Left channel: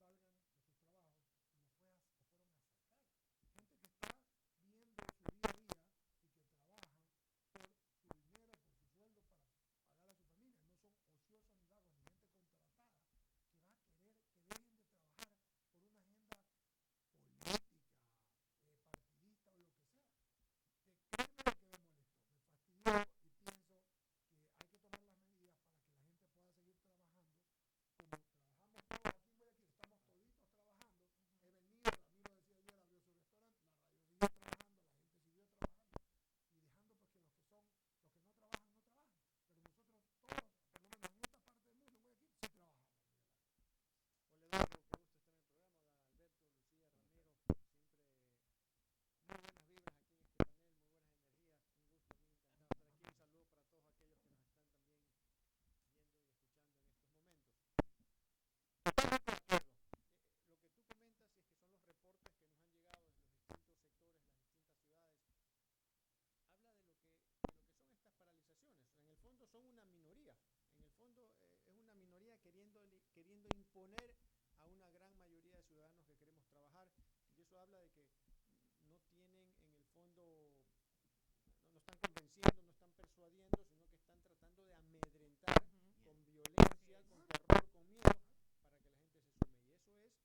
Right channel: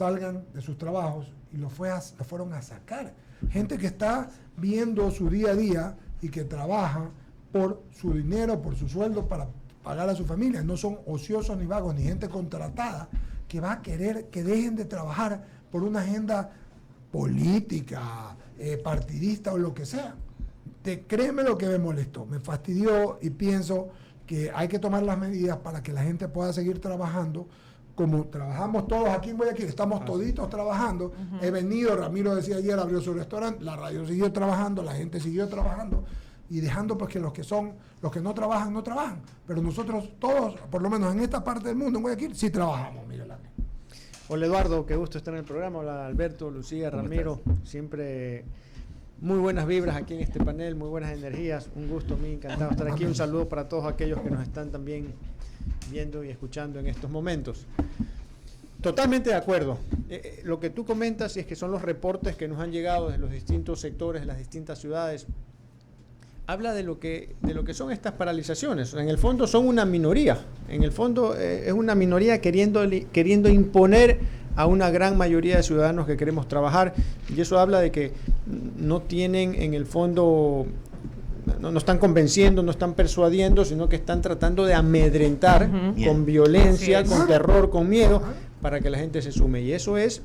salgan de sus trabajos y lo fueron a sacar. Gente que está viendo su día a día y que trabaja por su dinero, por su sueldo, para pagar a su familia. No son ociosos ni vagos, ni gente contratada que va a querer que dejen de trabajar por una agenda política, partidista o lo que sea. Créeme lo que me molestó, me fastidió, y pienso que hay que tomar las medidas para que la gente pueda seguir trabajando como trabajamos todos aquí en Guayaquil. Estamos toditos trabajando. He venido, Ramiro decía ayer, abrió su restaurante, la radio siguió trabajando, la gente siguió trabajando, y dejando pues que los que no trabajan, no trabajan. Pero nosotros todos, por lo menos en esta parte del mundo, en Guayaquil, sí trabajamos, Miguel Ángel. Hola Eduardo, qué gusto estar en el programa. Hola Alberto, Lucía, Ramiro. Siempre muy buenas vibras aquí en este panel, muy buenas energías. Un gusto, me encantado de estar aquí. Un saludo para todos aquellos que nos están también viendo y escuchando en estos momentos. Totalmente de acuerdo. Lo que tú comentas, y es que son los reportes que nos han llegado de los distintos sectores, de las distintas ciudades, habla de lo que son estas paralizaciones. En el fondo son una minoría. En el fondo es una minoría queriendo imponer a una gran mayoría de ciudadanos que queremos trabajar, y eso habla de que no tienen en el fondo, no están convenciendo, no están persuadiendo, sino que están tratando de amedrentar con violencia, con terror, con miedo, para que la gente se sume, y eso es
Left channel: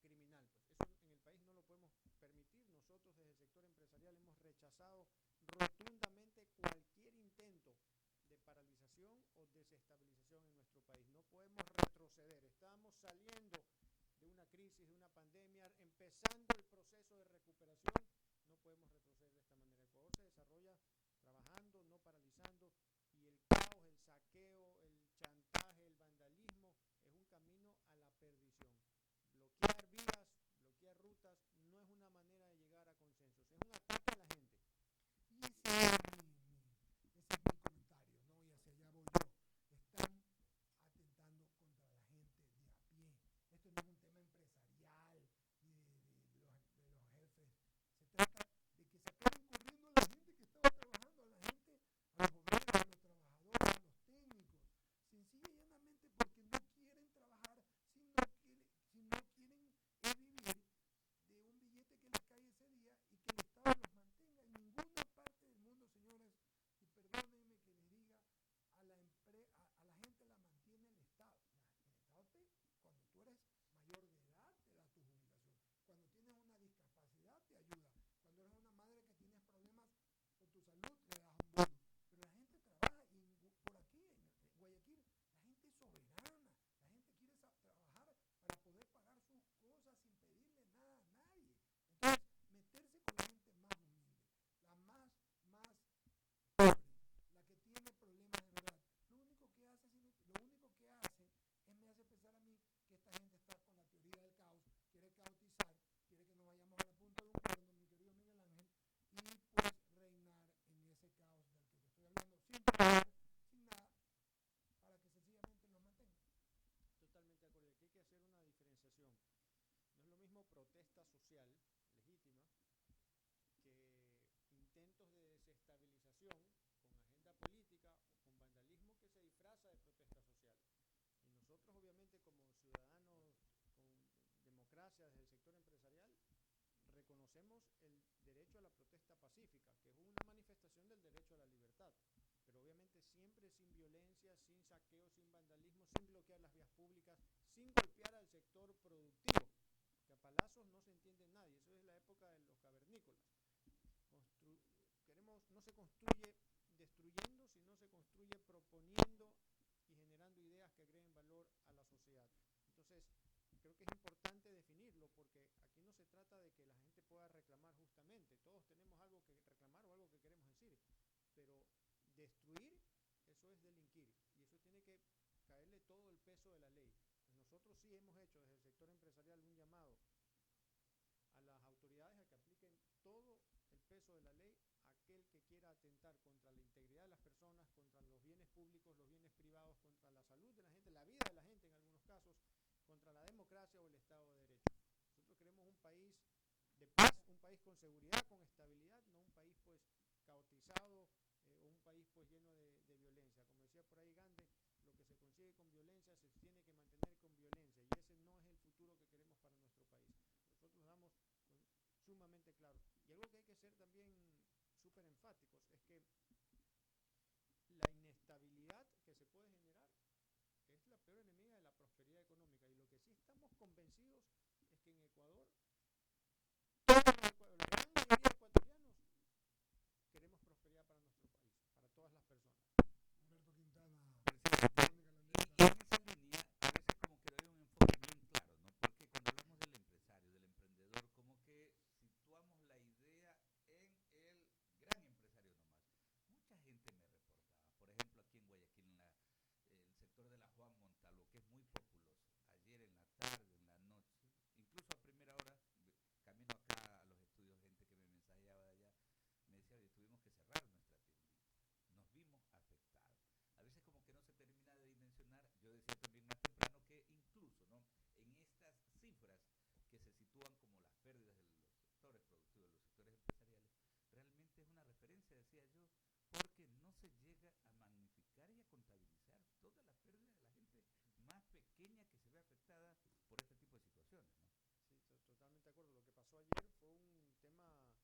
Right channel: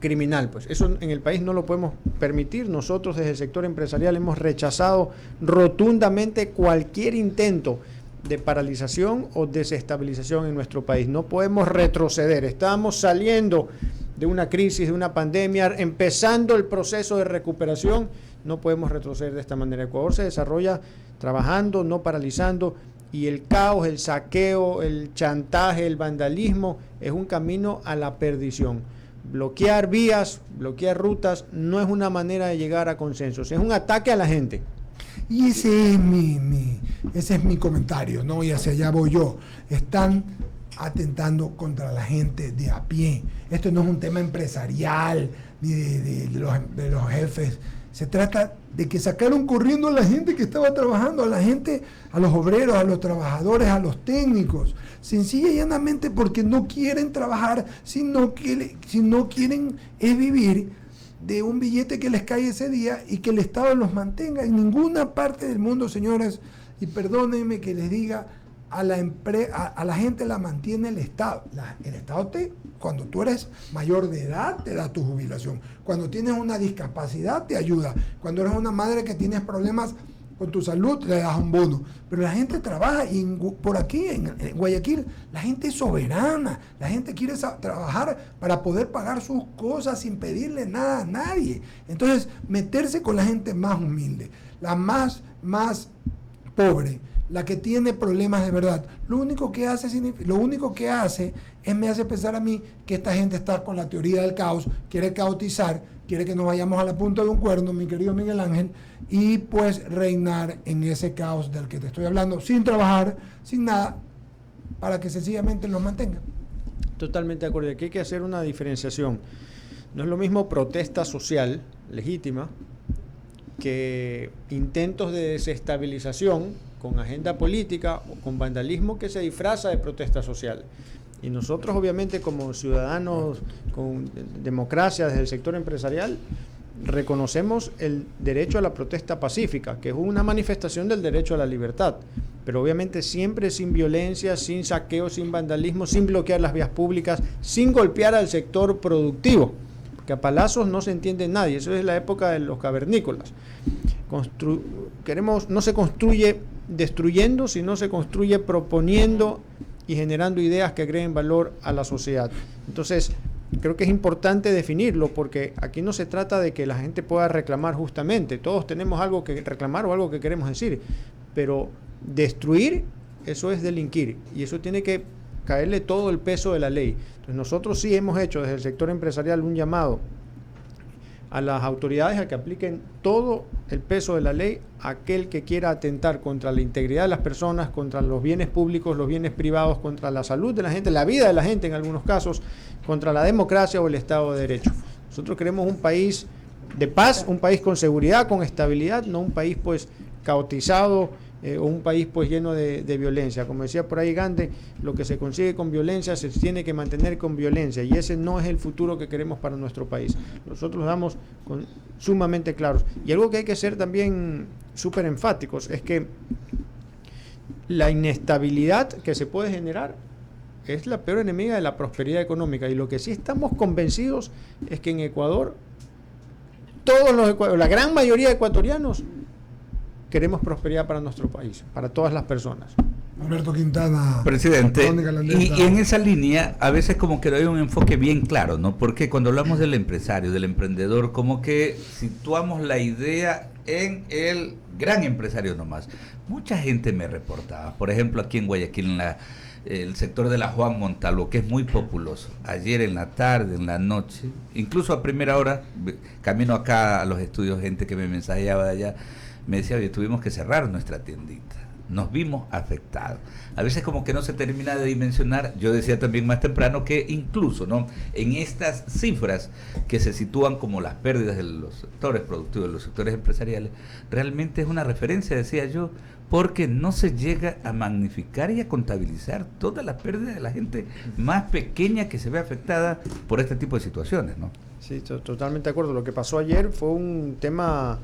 criminal. Pues eso en el país no lo podemos permitir. Nosotros desde el sector empresarial hemos rechazado rotundamente cualquier intento de paralización o desestabilización en nuestro país. No podemos retroceder. Estamos saliendo de una crisis, de una pandemia, empezando el proceso de recuperación. No podemos retroceder de esta manera. Ecuador se desarrolla trabajando, no paralizando, y el caos, el saqueo, el chantaje, el vandalismo es un camino a la perdición. Bloquear vías, bloquear rutas no es una manera de llegar a consensos, es un ataque a la gente. Y ese es mi comentario, ¿no? Y hacia allá voy yo. Están atentando contra la gente de a pie. Esto no es un tema empresarial ni de los jefes. Se trata de que sacaron corriendo a la gente que estaba trabajando, a la gente, a los obreros, a los trabajadores, a los técnicos, sencilla y llanamente porque no quieren trabajar, sino quieren es vivir de un billete que les cae ese día y que el Estado los mantenga. En ninguna parte del mundo, señores, y perdónenme que les diga, a la gente la mantiene el Estado. El Estado cuando tú eres mayor de edad, te da tu jubilación. Cuando tienes una discapacidad, te ayuda. Cuando eres una madre que tienes problemas con tu salud, le das un bono. Pero la gente trabaja, y por aquí, en Guayaquil, la gente es soberana. La gente quiere trabajar para poder pagar sus cosas sin pedirle nada a nadie. Entonces, meterse con la gente más humilde, la más pobre, la que tiene problemas de verdad, lo único que hace es me hace pensar a mí que esta gente está con la teoría del caos, quiere caotizar, quiere que nos vayamos a la punta de un cuerno, mi querido Miguel Ángel, y pues reinar en ese caos del que te estoy hablando, sin trabajar, sin nada, para que sencillamente nos mantengan. Totalmente de acuerdo. Aquí hay que hacer una diferenciación. No es lo mismo protesta social legítima que intentos de desestabilización con agenda política o con vandalismo que se disfraza de protesta social. Y nosotros, obviamente, como ciudadanos con democracia desde el sector empresarial, reconocemos el derecho a la protesta pacífica, que es una manifestación del derecho a la libertad, pero obviamente siempre sin violencia, sin saqueo, sin vandalismo, sin bloquear las vías públicas, sin golpear al sector productivo, porque a palazos no se entiende nadie. Eso es la época de los cavernícolas. No se construye destruyendo, sino se construye proponiendo y generando ideas que agreguen valor a la sociedad. Entonces, creo que es importante definirlo, porque aquí no se trata de que la gente pueda reclamar justamente. Todos tenemos algo que reclamar o algo que queremos decir, pero destruir, eso es delinquir, y eso tiene que caerle todo el peso de la ley. Entonces, nosotros sí hemos hecho desde el sector empresarial un llamado a las autoridades a que apliquen todo el peso de la ley a aquel que quiera atentar contra la integridad de las personas, contra los bienes públicos, los bienes privados, contra la salud de la gente, la vida de la gente en algunos casos, contra la democracia o el Estado de Derecho. Nosotros queremos un país de paz, un país con seguridad, con estabilidad, no un país pues caotizado o un país pues lleno de violencia. Como decía por ahí Gandhi, lo que se consigue con violencia se tiene que mantener con violencia, y ese no es el futuro que queremos para nuestro país. Nosotros lo damos sumamente claros. Y algo que hay que ser también súper enfáticos es que la inestabilidad que se puede generar es la peor enemiga de la prosperidad económica, y lo que sí estamos convencidos es que en Ecuador la gran mayoría de ecuatorianos queremos prosperidad para nuestro país, para todas las personas. Alberto Quintana, presidente, y en esa línea a veces como que no hay un enfoque bien claro, ¿no? Porque cuando hablamos del empresario, del emprendedor, como que situamos la idea en el gran empresario nomás. Mucha gente me reportaba, por ejemplo aquí en Guayaquil, el sector de la Juan Montalvo, que es muy populoso. Ayer en la tarde, en la noche, incluso a primera hora, camino acá a los estudios, gente que me mensajeaba de allá, me decía, oye, tuvimos que cerrar nuestra tiendita, nos vimos afectados. A veces como que no se termina de dimensionar. Yo decía también más temprano que incluso, ¿no?, en estas cifras que se sitúan como las pérdidas de los sectores productivos, de los sectores empresariales, realmente es una referencia, decía yo, porque no se llega a magnificar y a contabilizar todas las pérdidas de la gente más pequeña que se ve afectada por este tipo de situaciones, ¿no? Sí, totalmente de acuerdo. Lo que pasó ayer fue un tema,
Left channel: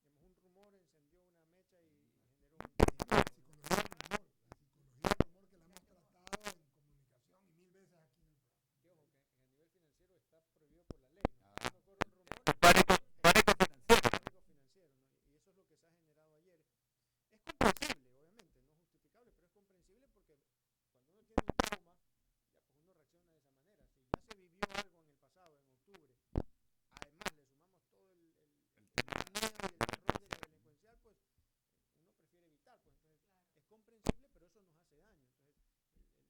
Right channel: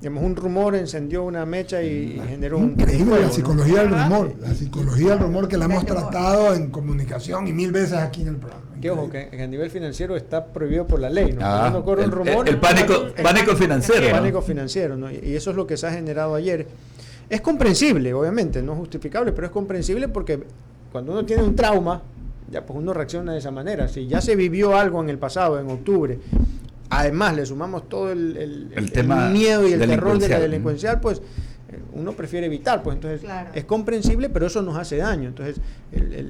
digamos, un rumor encendió una mecha y generó un increíble fuego, la psicología del ¿no? rumor, la psicología del rumor que la hemos tratado en comunicación y 1000 veces aquí en el programa. Que ojo, que a nivel financiero está prohibido por la ley, ¿no? Cuando corre un rumor, el pánico financiero. El pánico financiero, ¿no? Y eso es lo que se ha generado ayer. Es comprensible, obviamente, no justificable, pero es comprensible porque cuando uno tiene un trauma, ya pues uno reacciona de esa manera. Si ya se vivió algo en el pasado, en octubre, además le sumamos todo el tema miedo y el terror de la delincuencial, pues uno prefiere evitar, pues entonces claro, es comprensible, pero eso nos hace daño. Entonces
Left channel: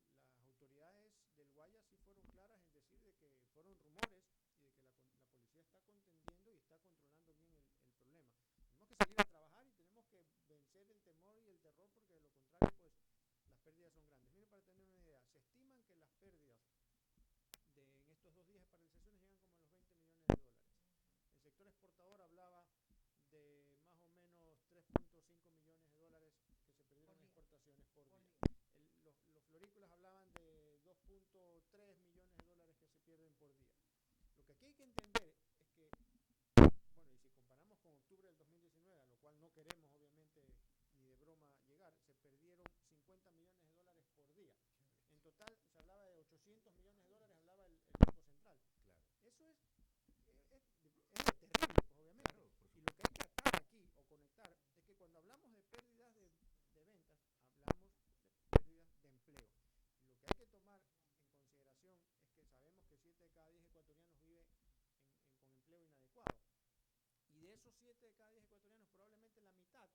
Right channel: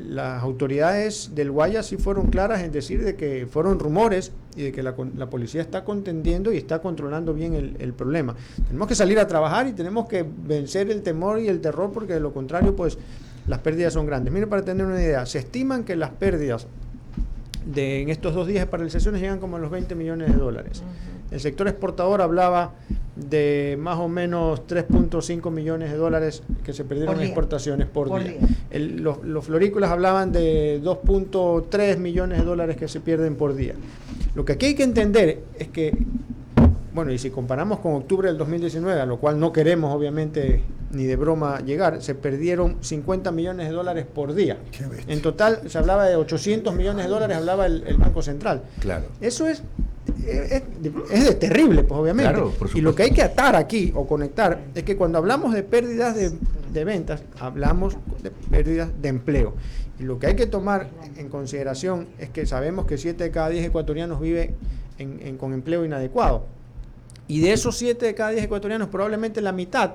las autoridades del Guaya sí fueron claras en decir de que fueron rumores y de que la policía está contendiendo y está controlando bien el problema. Tenemos que salir a trabajar y tenemos que vencer el temor y el terror, porque de lo contrario pues las pérdidas son grandes. Miren, para tener una idea, se estiman que las pérdidas en estos 2 días de paralizaciones llegan como a los $20 millones. El sector exportador hablaba de más o menos $3.5 millones que se perdieron en exportaciones por día. Los florícolas hablaban de $2.3 millones que se pierden por día. Lo que aquí hay que entender es que, bueno, y si comparamos con octubre del 2019, a lo cual no queremos obviamente ni de broma llegar, se perdieron $50 millones por día. En total se hablaba de $800 millones, hablaba el Banco Central. Claro. Eso es terrible, pues obviamente. Claro, y lo que hay que atar aquí o conectar es que cuando hablamos de pérdidas de ventas, hablamos de pérdidas de empleo. Y lo que hay que tomar en consideración es que sabemos que 7 de cada 10 ecuatorianos vive con empleo inadecuado. Y de esos 7 de cada 10 ecuatorianos, probablemente la mitad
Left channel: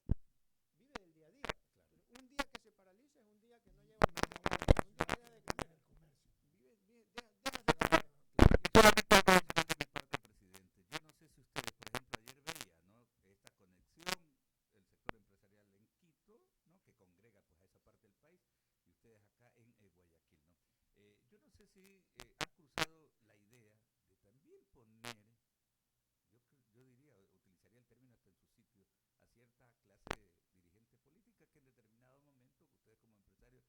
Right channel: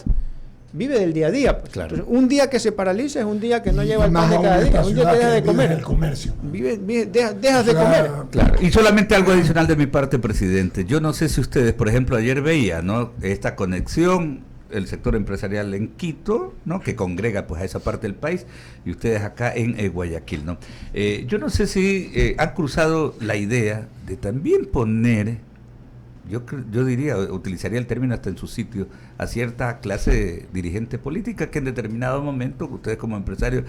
vive del día a día. Pues. Claro. Entonces, un día que se paraliza es un día que no lleva el pan de cada día, un día que deja de comer. El comercio. Dejas de comer. Claro. Y solamente algo adicional de mi parte, presidente. Yo no sé si ustedes, por ejemplo, ayer veían, ¿no?, esta conexión, el sector empresarial en Quito, ¿no?, que congrega pues a esa parte del país, y ustedes acá en Guayaquil, ¿no? Yo no sé si han cruzado la idea de también poner, yo diría, utilizaría el término hasta en su sitio, a cierta clase dirigente política que en determinado momento, ustedes como empresarios,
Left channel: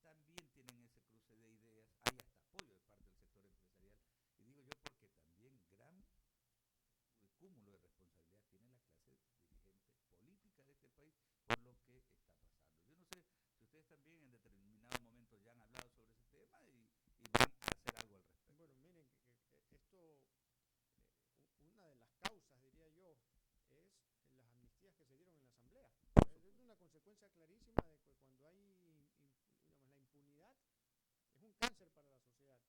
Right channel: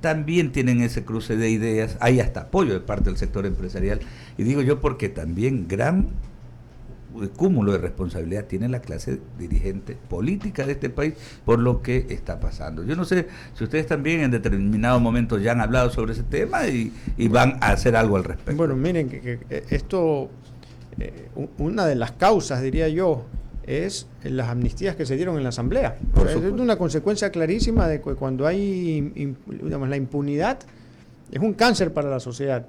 también tienen ese cruce de ideas, hay hasta apoyo de parte del sector empresarial, y digo yo porque también gran cúmulo de responsabilidad tiene la clase dirigente política de este país por lo que está pasando. Yo no sé si ustedes también en determinado momento ya han hablado sobre ese tema y van a hacer algo al respecto. Bueno, miren que esto, una de las causas, diría yo, es las amnistías que se dieron en la Asamblea. Es una consecuencia clarísima de que cuando hay digamos, la impunidad es un cáncer para la sociedad.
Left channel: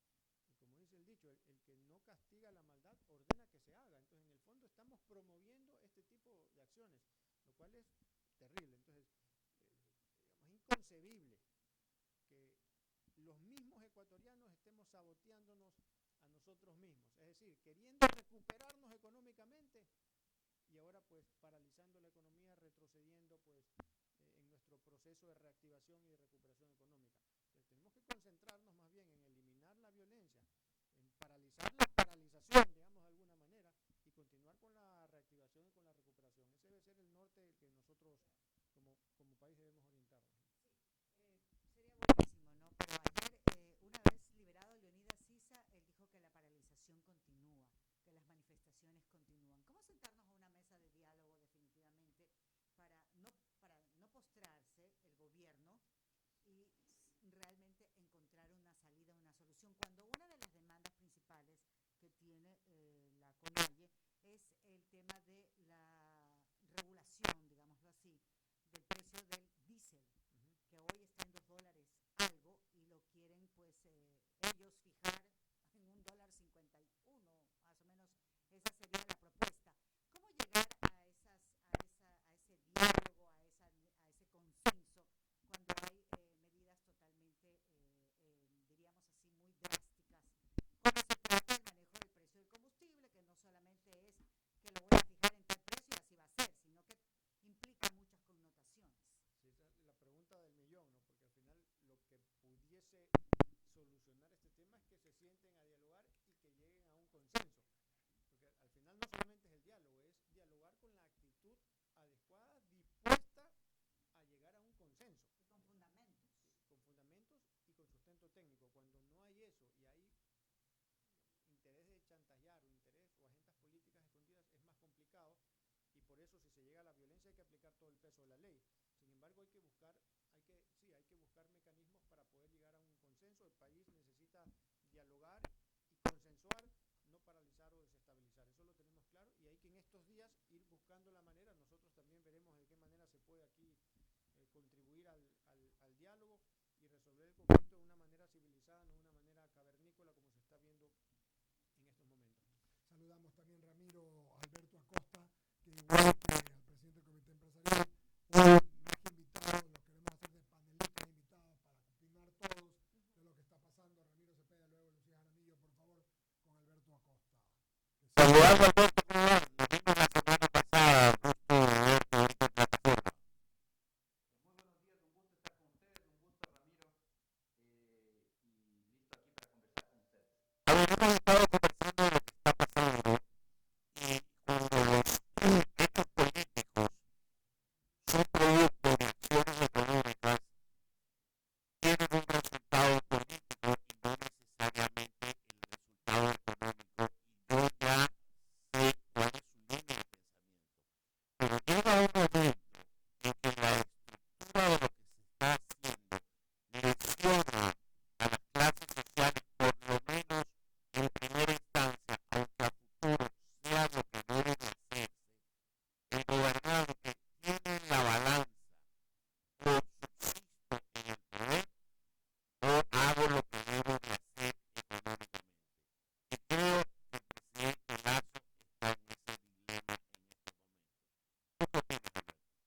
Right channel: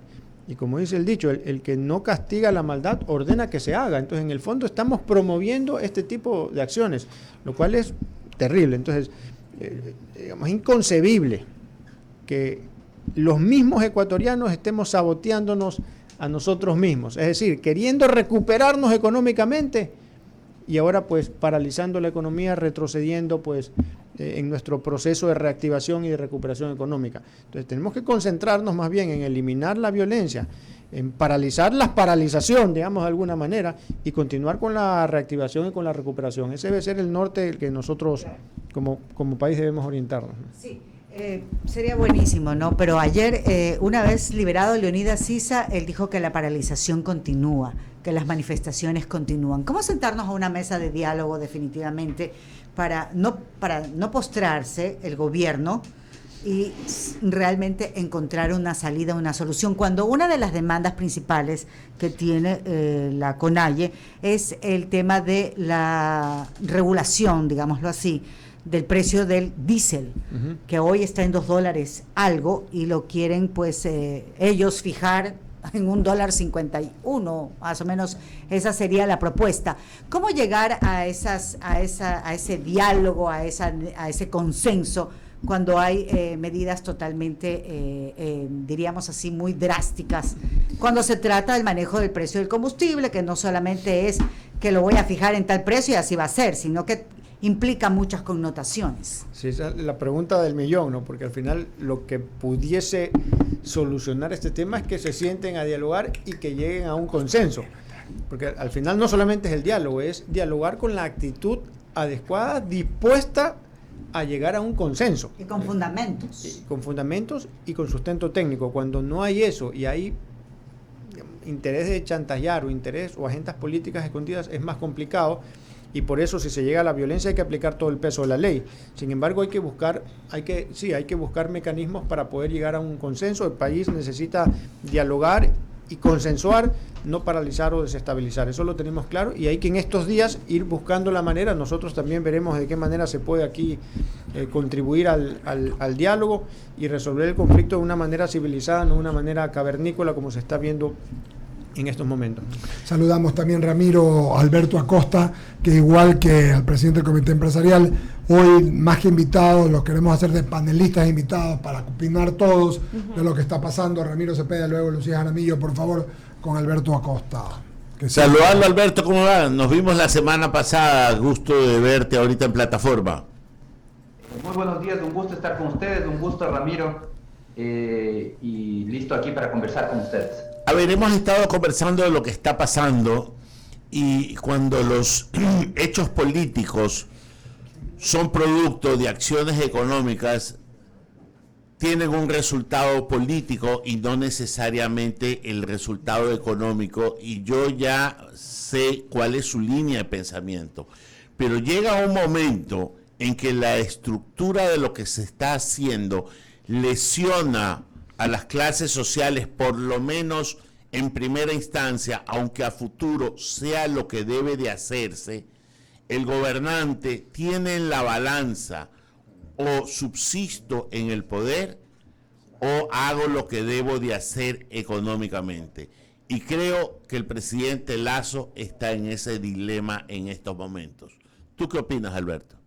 Y como dice el dicho, el que no castiga la maldad ordena que se haga. Entonces, en el fondo estamos promoviendo este tipo de acciones, lo cual es terrible. Entonces, digamos, es inconcebible que los mismos ecuatorianos estemos saboteándonos a nosotros mismos. Es decir, queriendo recuperarnos económicamente y ahora pues paralizando la economía, retrocediendo pues en nuestro proceso de reactivación y de recuperación económica. Entonces tenemos que concentrarnos más bien en eliminar la violencia, en paralizar la paralización, digamos de alguna manera, y continuar con la reactivación y con la recuperación. Ese debe ser el norte del que nosotros como país debemos orientarnos. Sí, sería buenísimo, ¿no? Pero ayer, una vez liberado Leonidas Sisa, él dijo que la paralización continúa, que las manifestaciones continúan. ¿Cómo sentarnos a una mesa de diálogo definitivamente para no postrarse el gobierno y realmente encontrar una salida, una solución? Cuando una de las demandas principales que tiene la CONAIE es el tema de la regulación, digámoslo así, del precio del diésel, que hoy está en $2 algo, y lo quieren pues ellos fijar en $1.51, más o menos esa sería la propuesta. ¿Cómo llegar a ese diálogo, a ese consenso cuando hay medidas totalmente, diríamos así, muy drásticas, cuando se trata del manejo del precio del combustible, que no solamente es que lo voy a fijar en tal precio y así va a ser, sino que implica muchas connotaciones? Sí, esa es la pregunta del millón, ¿no? Porque al final lo que pudiese solucionar este tema es que se sienten a dialogar y que lleguen a un consenso. Porque al final no solamente es el diálogo, es dialogar con la actitud adecuada, dispuesta a llegar a un consenso. Y con fundamentos. Con fundamentos y con sustento técnico. Cuando no hay eso y hay interés de chantajear o agendas políticas escondidas, es más complicado. Y por eso, si se llega a la violencia, hay que aplicar todo el peso de la ley. Sin embargo, hay que buscar mecanismos para poder llegar a un consenso. El país necesita dialogar y consensuar, no paralizar o desestabilizar. Eso lo tenemos claro, y hay que en estos días ir buscando la manera. Nosotros también veremos de qué manera se puede aquí contribuir al diálogo y resolver el conflicto de una manera civilizada, no de una manera cavernícola como se está viendo en estos momentos. Saludamos también Ramiro Alberto Acosta, que igual que al presidente del Comité Empresarial, hoy más que invitados, los queremos hacer de panelistas invitados para opinar todos de lo que está pasando. Ramiro Cepeda, luego Lucía Jaramillo, por favor, con Alberto Acosta. Saludarlo, Alberto, ¿cómo va? Nos vimos la semana pasada, gusto de verte ahorita en plataforma. Muy buenos días, un gusto estar con ustedes, un gusto, Ramiro, y listo aquí para conversar con ustedes. A ver, hemos estado conversando de lo que está pasando, y cuando los hechos políticos son producto de acciones económicas, tienen un resultado político y no necesariamente el resultado económico, y yo ya sé cuál es su línea de pensamiento, pero llega un momento en que la estructura de lo que se está haciendo lesiona a las clases sociales, por lo menos en primera instancia, aunque a futuro sea lo que debe de hacerse. El gobernante tiene en la balanza: o subsisto en el poder o hago lo que debo de hacer económicamente. Y creo que el presidente Lasso está en ese dilema en estos momentos. ¿Tú qué opinas, Alberto?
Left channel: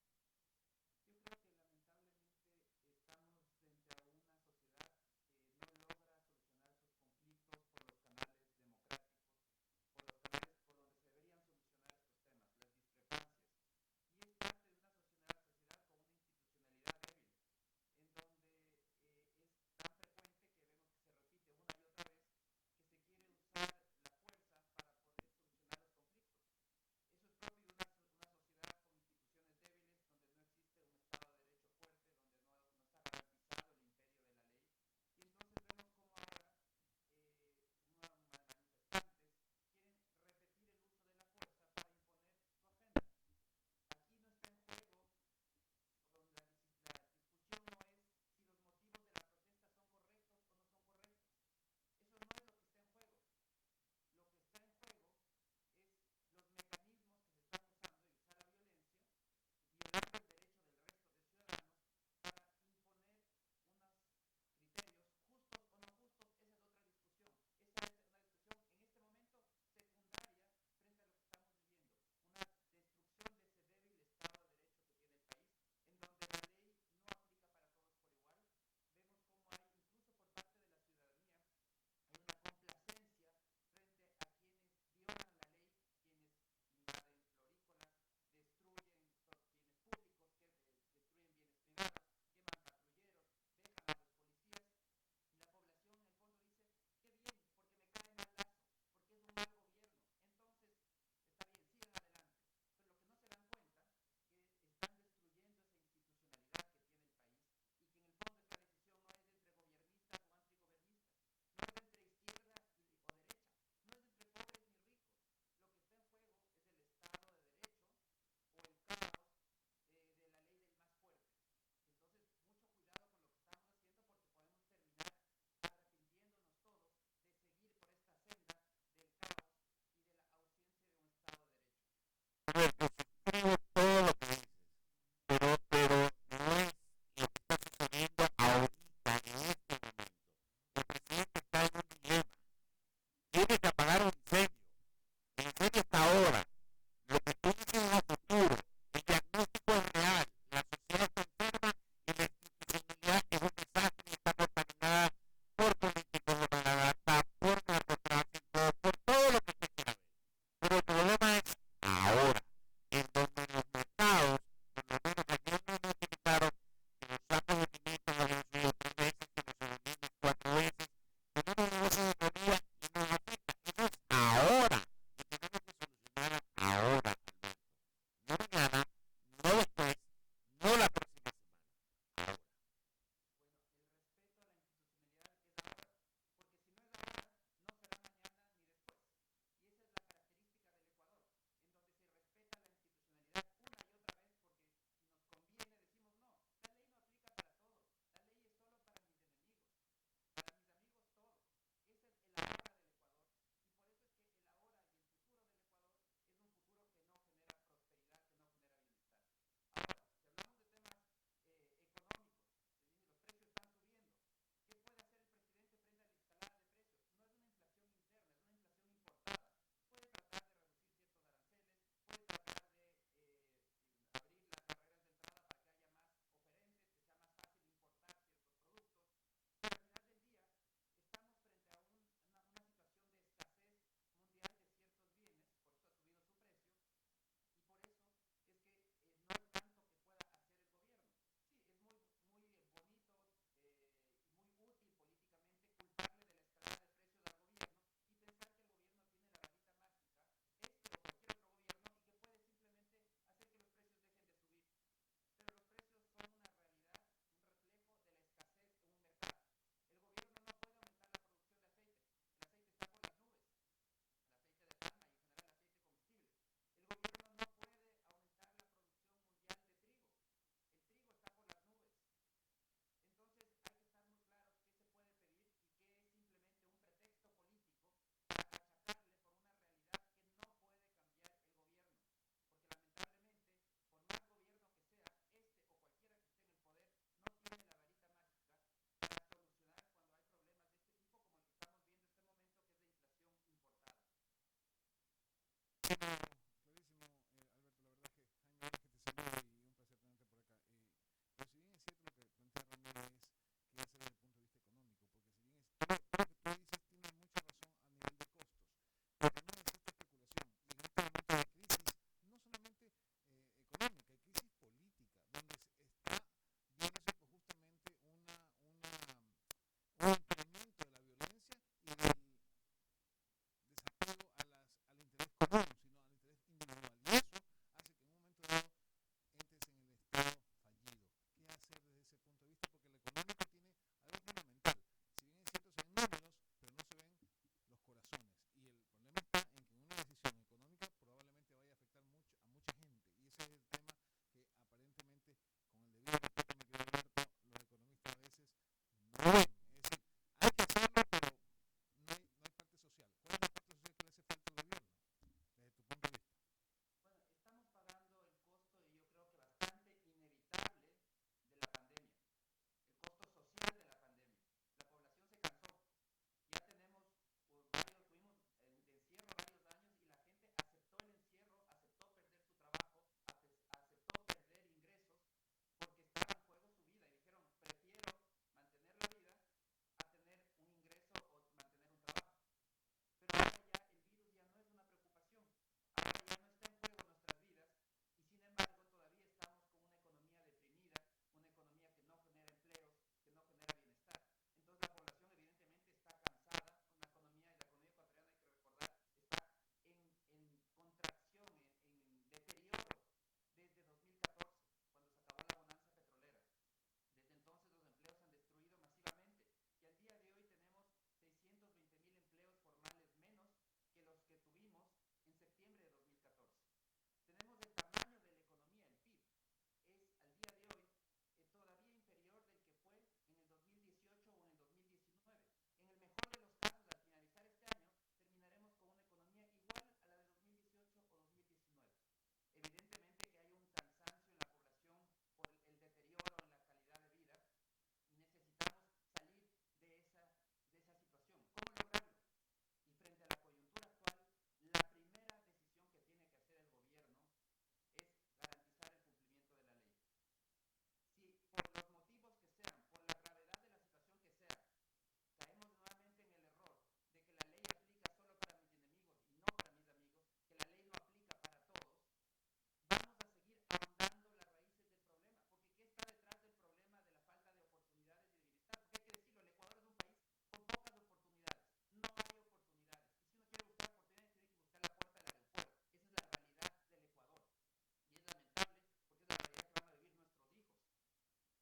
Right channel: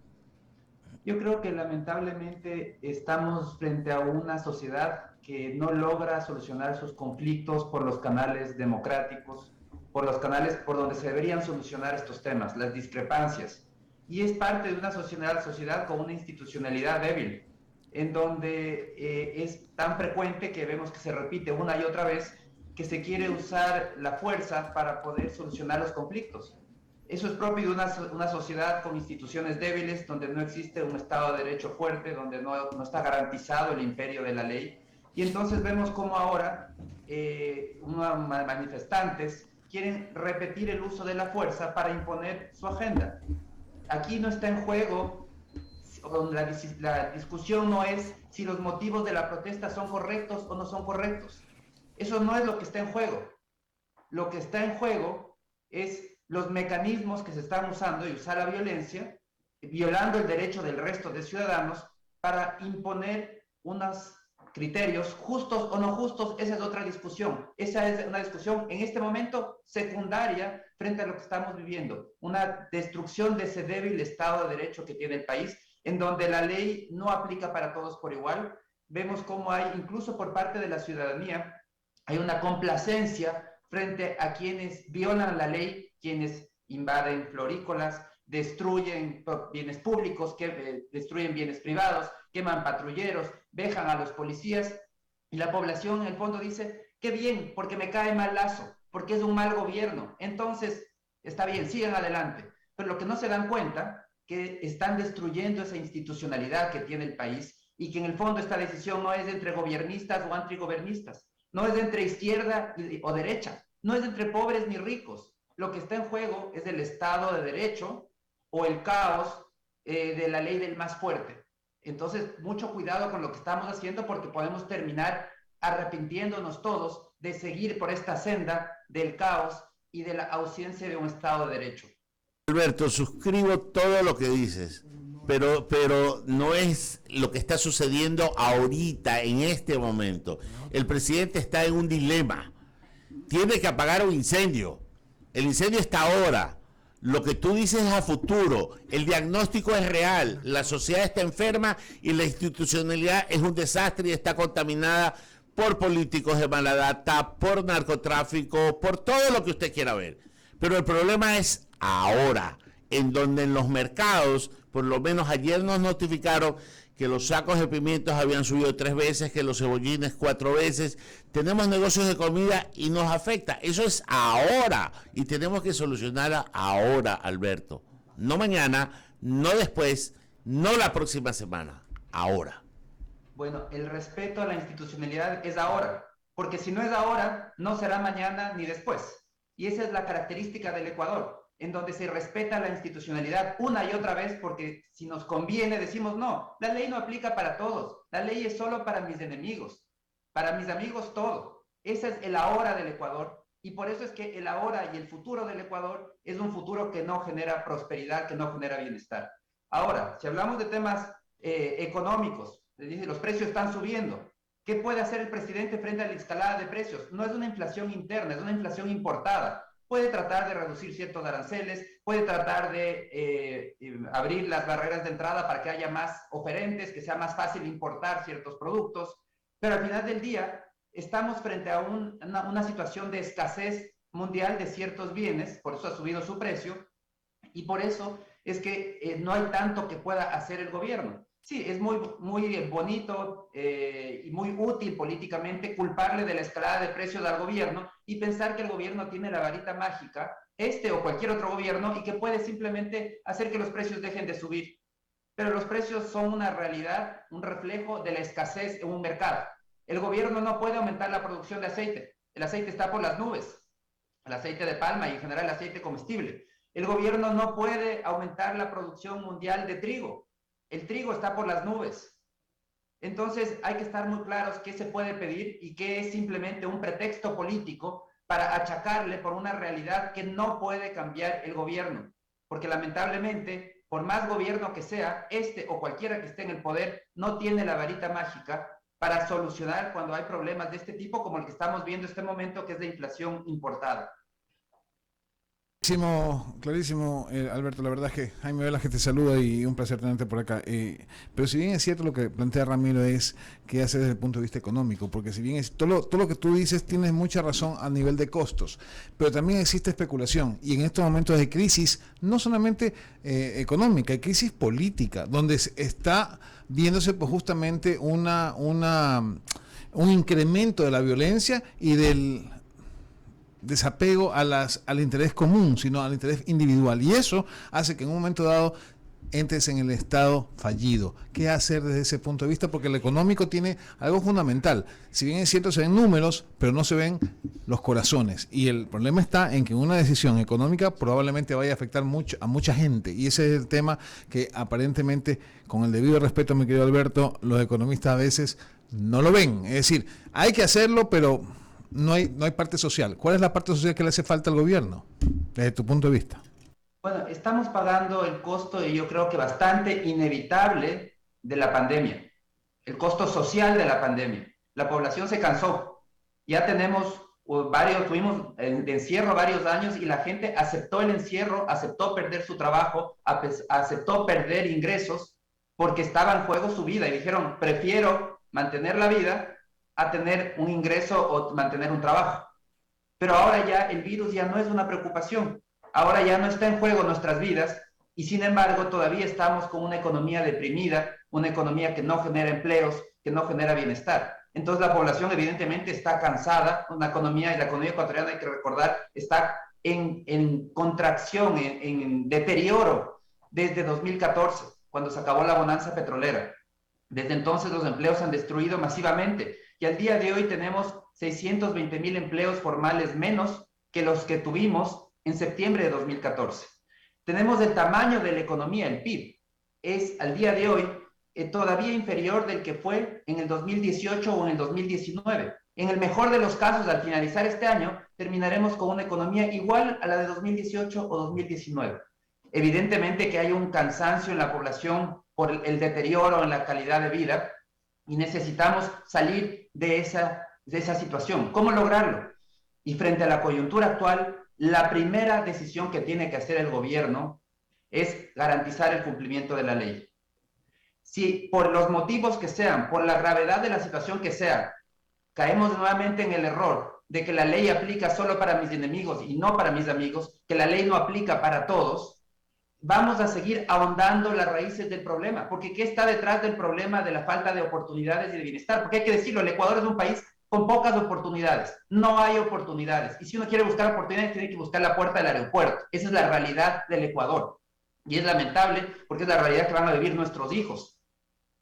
Yo creo que lamentablemente estamos frente a una sociedad que no logra solucionar sus conflictos por los canales democráticos, por los canales por donde se deberían solucionar estos temas, las discrepancias. Y es parte de una sociedad con una institucionalidad débil, en donde es tan frecuente que vemos que se repite una y otra vez que se quiere usar la fuerza para poder solucionar los conflictos. Eso es propio de una sociedad con instituciones débiles, donde no existe un Estado de Derecho fuerte, donde no está garantizado el imperio de la ley. Y entonces vemos cómo ahora unos manifestantes quieren repetir el uso de la fuerza para imponer su agenda. Aquí no está en juego, la discusión no es si los motivos de la protesta son correctos o no son correctos. Eso no es lo que está en juego. Lo que está en juego es los mecanismos que se están usando y usar la violencia, violando el derecho del resto de ciudadanos para imponer unos criterios justos o no justos. Esa es otra discusión. Esa es una discusión en este momento secundaria frente a lo que estamos viviendo. Una destrucción de ese débil Estado de Derecho que tiene el país, en donde la ley no aplica para todos por igual. Vemos cómo hay, incluso por parte de la ciudadanía, hay una complacencia frente a quienes violan la ley, quienes invaden florícolas, destruyen bienes públicos, destruyen bienes privados, queman patrulleros, vejan a los policías, y la población en el fondo dice: Qué bien, porque me cae mal Lazo, porque es un mal gobierno. Entonces, está bien, sigan adelante. Pero lo que no se dan cuenta, que están destruyendo esa institucionalidad que tiene el país y que en el fondo esta decisión no es entre gobiernistas o antigobernistas, no es entre izquierda o derecha, no es entre pobres ni ricos. Lo que está en juego es el Estado de Derecho o el caos de la ley del más fuerte. Entonces, mucho cuidado con lo que estamos haciendo porque podemos terminar arrepintiéndonos todos de seguir por esta senda del caos y de la ausencia de un Estado de Derecho. Alberto, suscribo todo lo que dices, pero no es lo que está sucediendo ahorita, en este momento. El presidente está en un dilema. Tiene que apagar un incendio. El incendio está ahora. Lo que tú dices es a futuro. El diagnóstico es real. La sociedad está enferma y la institucionalidad es un desastre y está contaminada por políticos de mala data, por narcotráfico, por todo lo que usted quiera ver. Pero el problema es ahora, en donde en los mercados, por lo menos ayer nos notificaron que los sacos de pimientos habían subido 3 veces, que los cebollines 4 veces. Tenemos negocios de comida y nos afecta. Eso es ahora y tenemos que solucionarla ahora, Alberto. No mañana, no después, no la próxima semana, ahora. Bueno, el respeto a la institucionalidad es ahora, porque si no es ahora, no será mañana ni después. Y esa es la característica del Ecuador, en donde se respeta la institucionalidad una y otra vez, porque si nos conviene decimos no, la ley no aplica para todos, la ley es solo para mis enemigos, para mis amigos todo. Ese es el ahora del Ecuador, y por eso es que el ahora y el futuro del Ecuador es un futuro que no genera prosperidad, que no genera bienestar. Ahora, si hablamos de temas económicos, les dice, los precios están subiendo. ¿Qué puede hacer el presidente frente a la escalada de precios? No es una inflación interna, es una inflación importada. Puede tratar de reducir ciertos aranceles, puede tratar de abrir las barreras de entrada para que haya más oferentes, que sea más fácil importar ciertos productos, pero al final del día estamos frente a una situación de escasez mundial de ciertos bienes, por eso ha subido su precio, y por eso es que no hay tanto que pueda hacer el gobierno. Sí, es muy bonito y muy útil políticamente culparle de la escalada de precios al gobierno y pensar que el gobierno tiene la varita mágica, este o cualquier otro gobierno, y que puede simplemente hacer que los precios dejen de subir. Pero los precios son una realidad, un reflejo de la escasez en un mercado. El gobierno no puede aumentar la producción de aceite. El aceite está por las nubes, el aceite de palma y en general el aceite comestible. El gobierno no puede aumentar la producción mundial de trigo. El trigo está por las nubes. Entonces hay que estar muy claros qué se puede pedir y qué es simplemente un pretexto político para achacarle por una realidad que no puede cambiar el gobierno. Porque lamentablemente, por más gobierno que sea, este o cualquiera que esté en el poder, no tiene la varita mágica para solucionar cuando hay problemas de este tipo, como el que estamos viendo en este momento, que es de inflación importada. Clarísimo, Alberto. La verdad es que Jaime Velas que te saluda y un placer tenerte por acá. Pero si bien es cierto lo que plantea Ramiro es qué hace desde el punto de vista económico, porque si bien es todo lo que tú dices tienes mucha razón a nivel de costos, pero también existe especulación y en estos momentos de crisis no solamente económica, hay crisis política, donde está viéndose pues justamente un incremento de la violencia y del desapego al interés común, sino al interés individual. Y eso hace que en un momento dado entres en el estado fallido. ¿Qué hacer desde ese punto de vista? Porque el económico tiene algo fundamental. Si bien es cierto, se ven números, pero no se ven los corazones. Y el problema está en que una decisión económica probablemente vaya a afectar a mucha gente. Y ese es el tema que aparentemente, con el debido respeto, mi querido Alberto, los economistas a veces no lo ven. Es decir, hay que hacerlo, pero no hay parte social. ¿Cuál es la parte social que le hace falta al gobierno, desde tu punto de vista? Bueno, estamos pagando el costo, y yo creo que bastante inevitable, de la pandemia. El costo social de la pandemia. La población se cansó. Ya tuvimos de encierro varios años y la gente aceptó el encierro, aceptó perder su trabajo, aceptó perder ingresos porque estaba en juego su vida y dijeron, prefiero mantener la vida a tener un ingreso o mantener un trabajo. Pero ahora ya el virus ya no es una preocupación, ahora ya no está en juego nuestras vidas y sin embargo todavía estamos con una economía deprimida, una economía que no genera empleos, que no genera bienestar. Entonces la población evidentemente está cansada, la economía ecuatoriana, hay que recordar, está en contracción, en deterioro desde 2014, cuando se acabó la bonanza petrolera. Desde entonces los empleos se han destruido masivamente y al día de hoy tenemos 620,000 empleos formales menos que los que tuvimos en septiembre de 2014. Tenemos el tamaño de la economía, el PIB, es al día de hoy todavía inferior del que fue en el 2018 o en el 2019. En el mejor de los casos, al finalizar este año, terminaremos con una economía igual a la de 2018 o 2019. Evidentemente que hay un cansancio en la población por el deterioro en la calidad de vida y necesitamos salir de esa situación. ¿Cómo lograrlo? Y frente a la coyuntura actual, la primera decisión que tiene que hacer el gobierno es garantizar el cumplimiento de la ley. Si por los motivos que sean, por la gravedad de la situación que sea, caemos nuevamente en el error de que la ley aplica solo para mis enemigos y no para mis amigos, que la ley no aplica para todos, vamos a seguir ahondando las raíces del problema. Porque ¿qué está detrás del problema de la falta de oportunidades y de bienestar? Porque hay que decirlo, el Ecuador es un país con pocas oportunidades. No hay oportunidades. Y si uno quiere buscar oportunidades, tiene que buscar la puerta del aeropuerto. Esa es la realidad del Ecuador. Y es lamentable porque es la realidad que van a vivir nuestros hijos.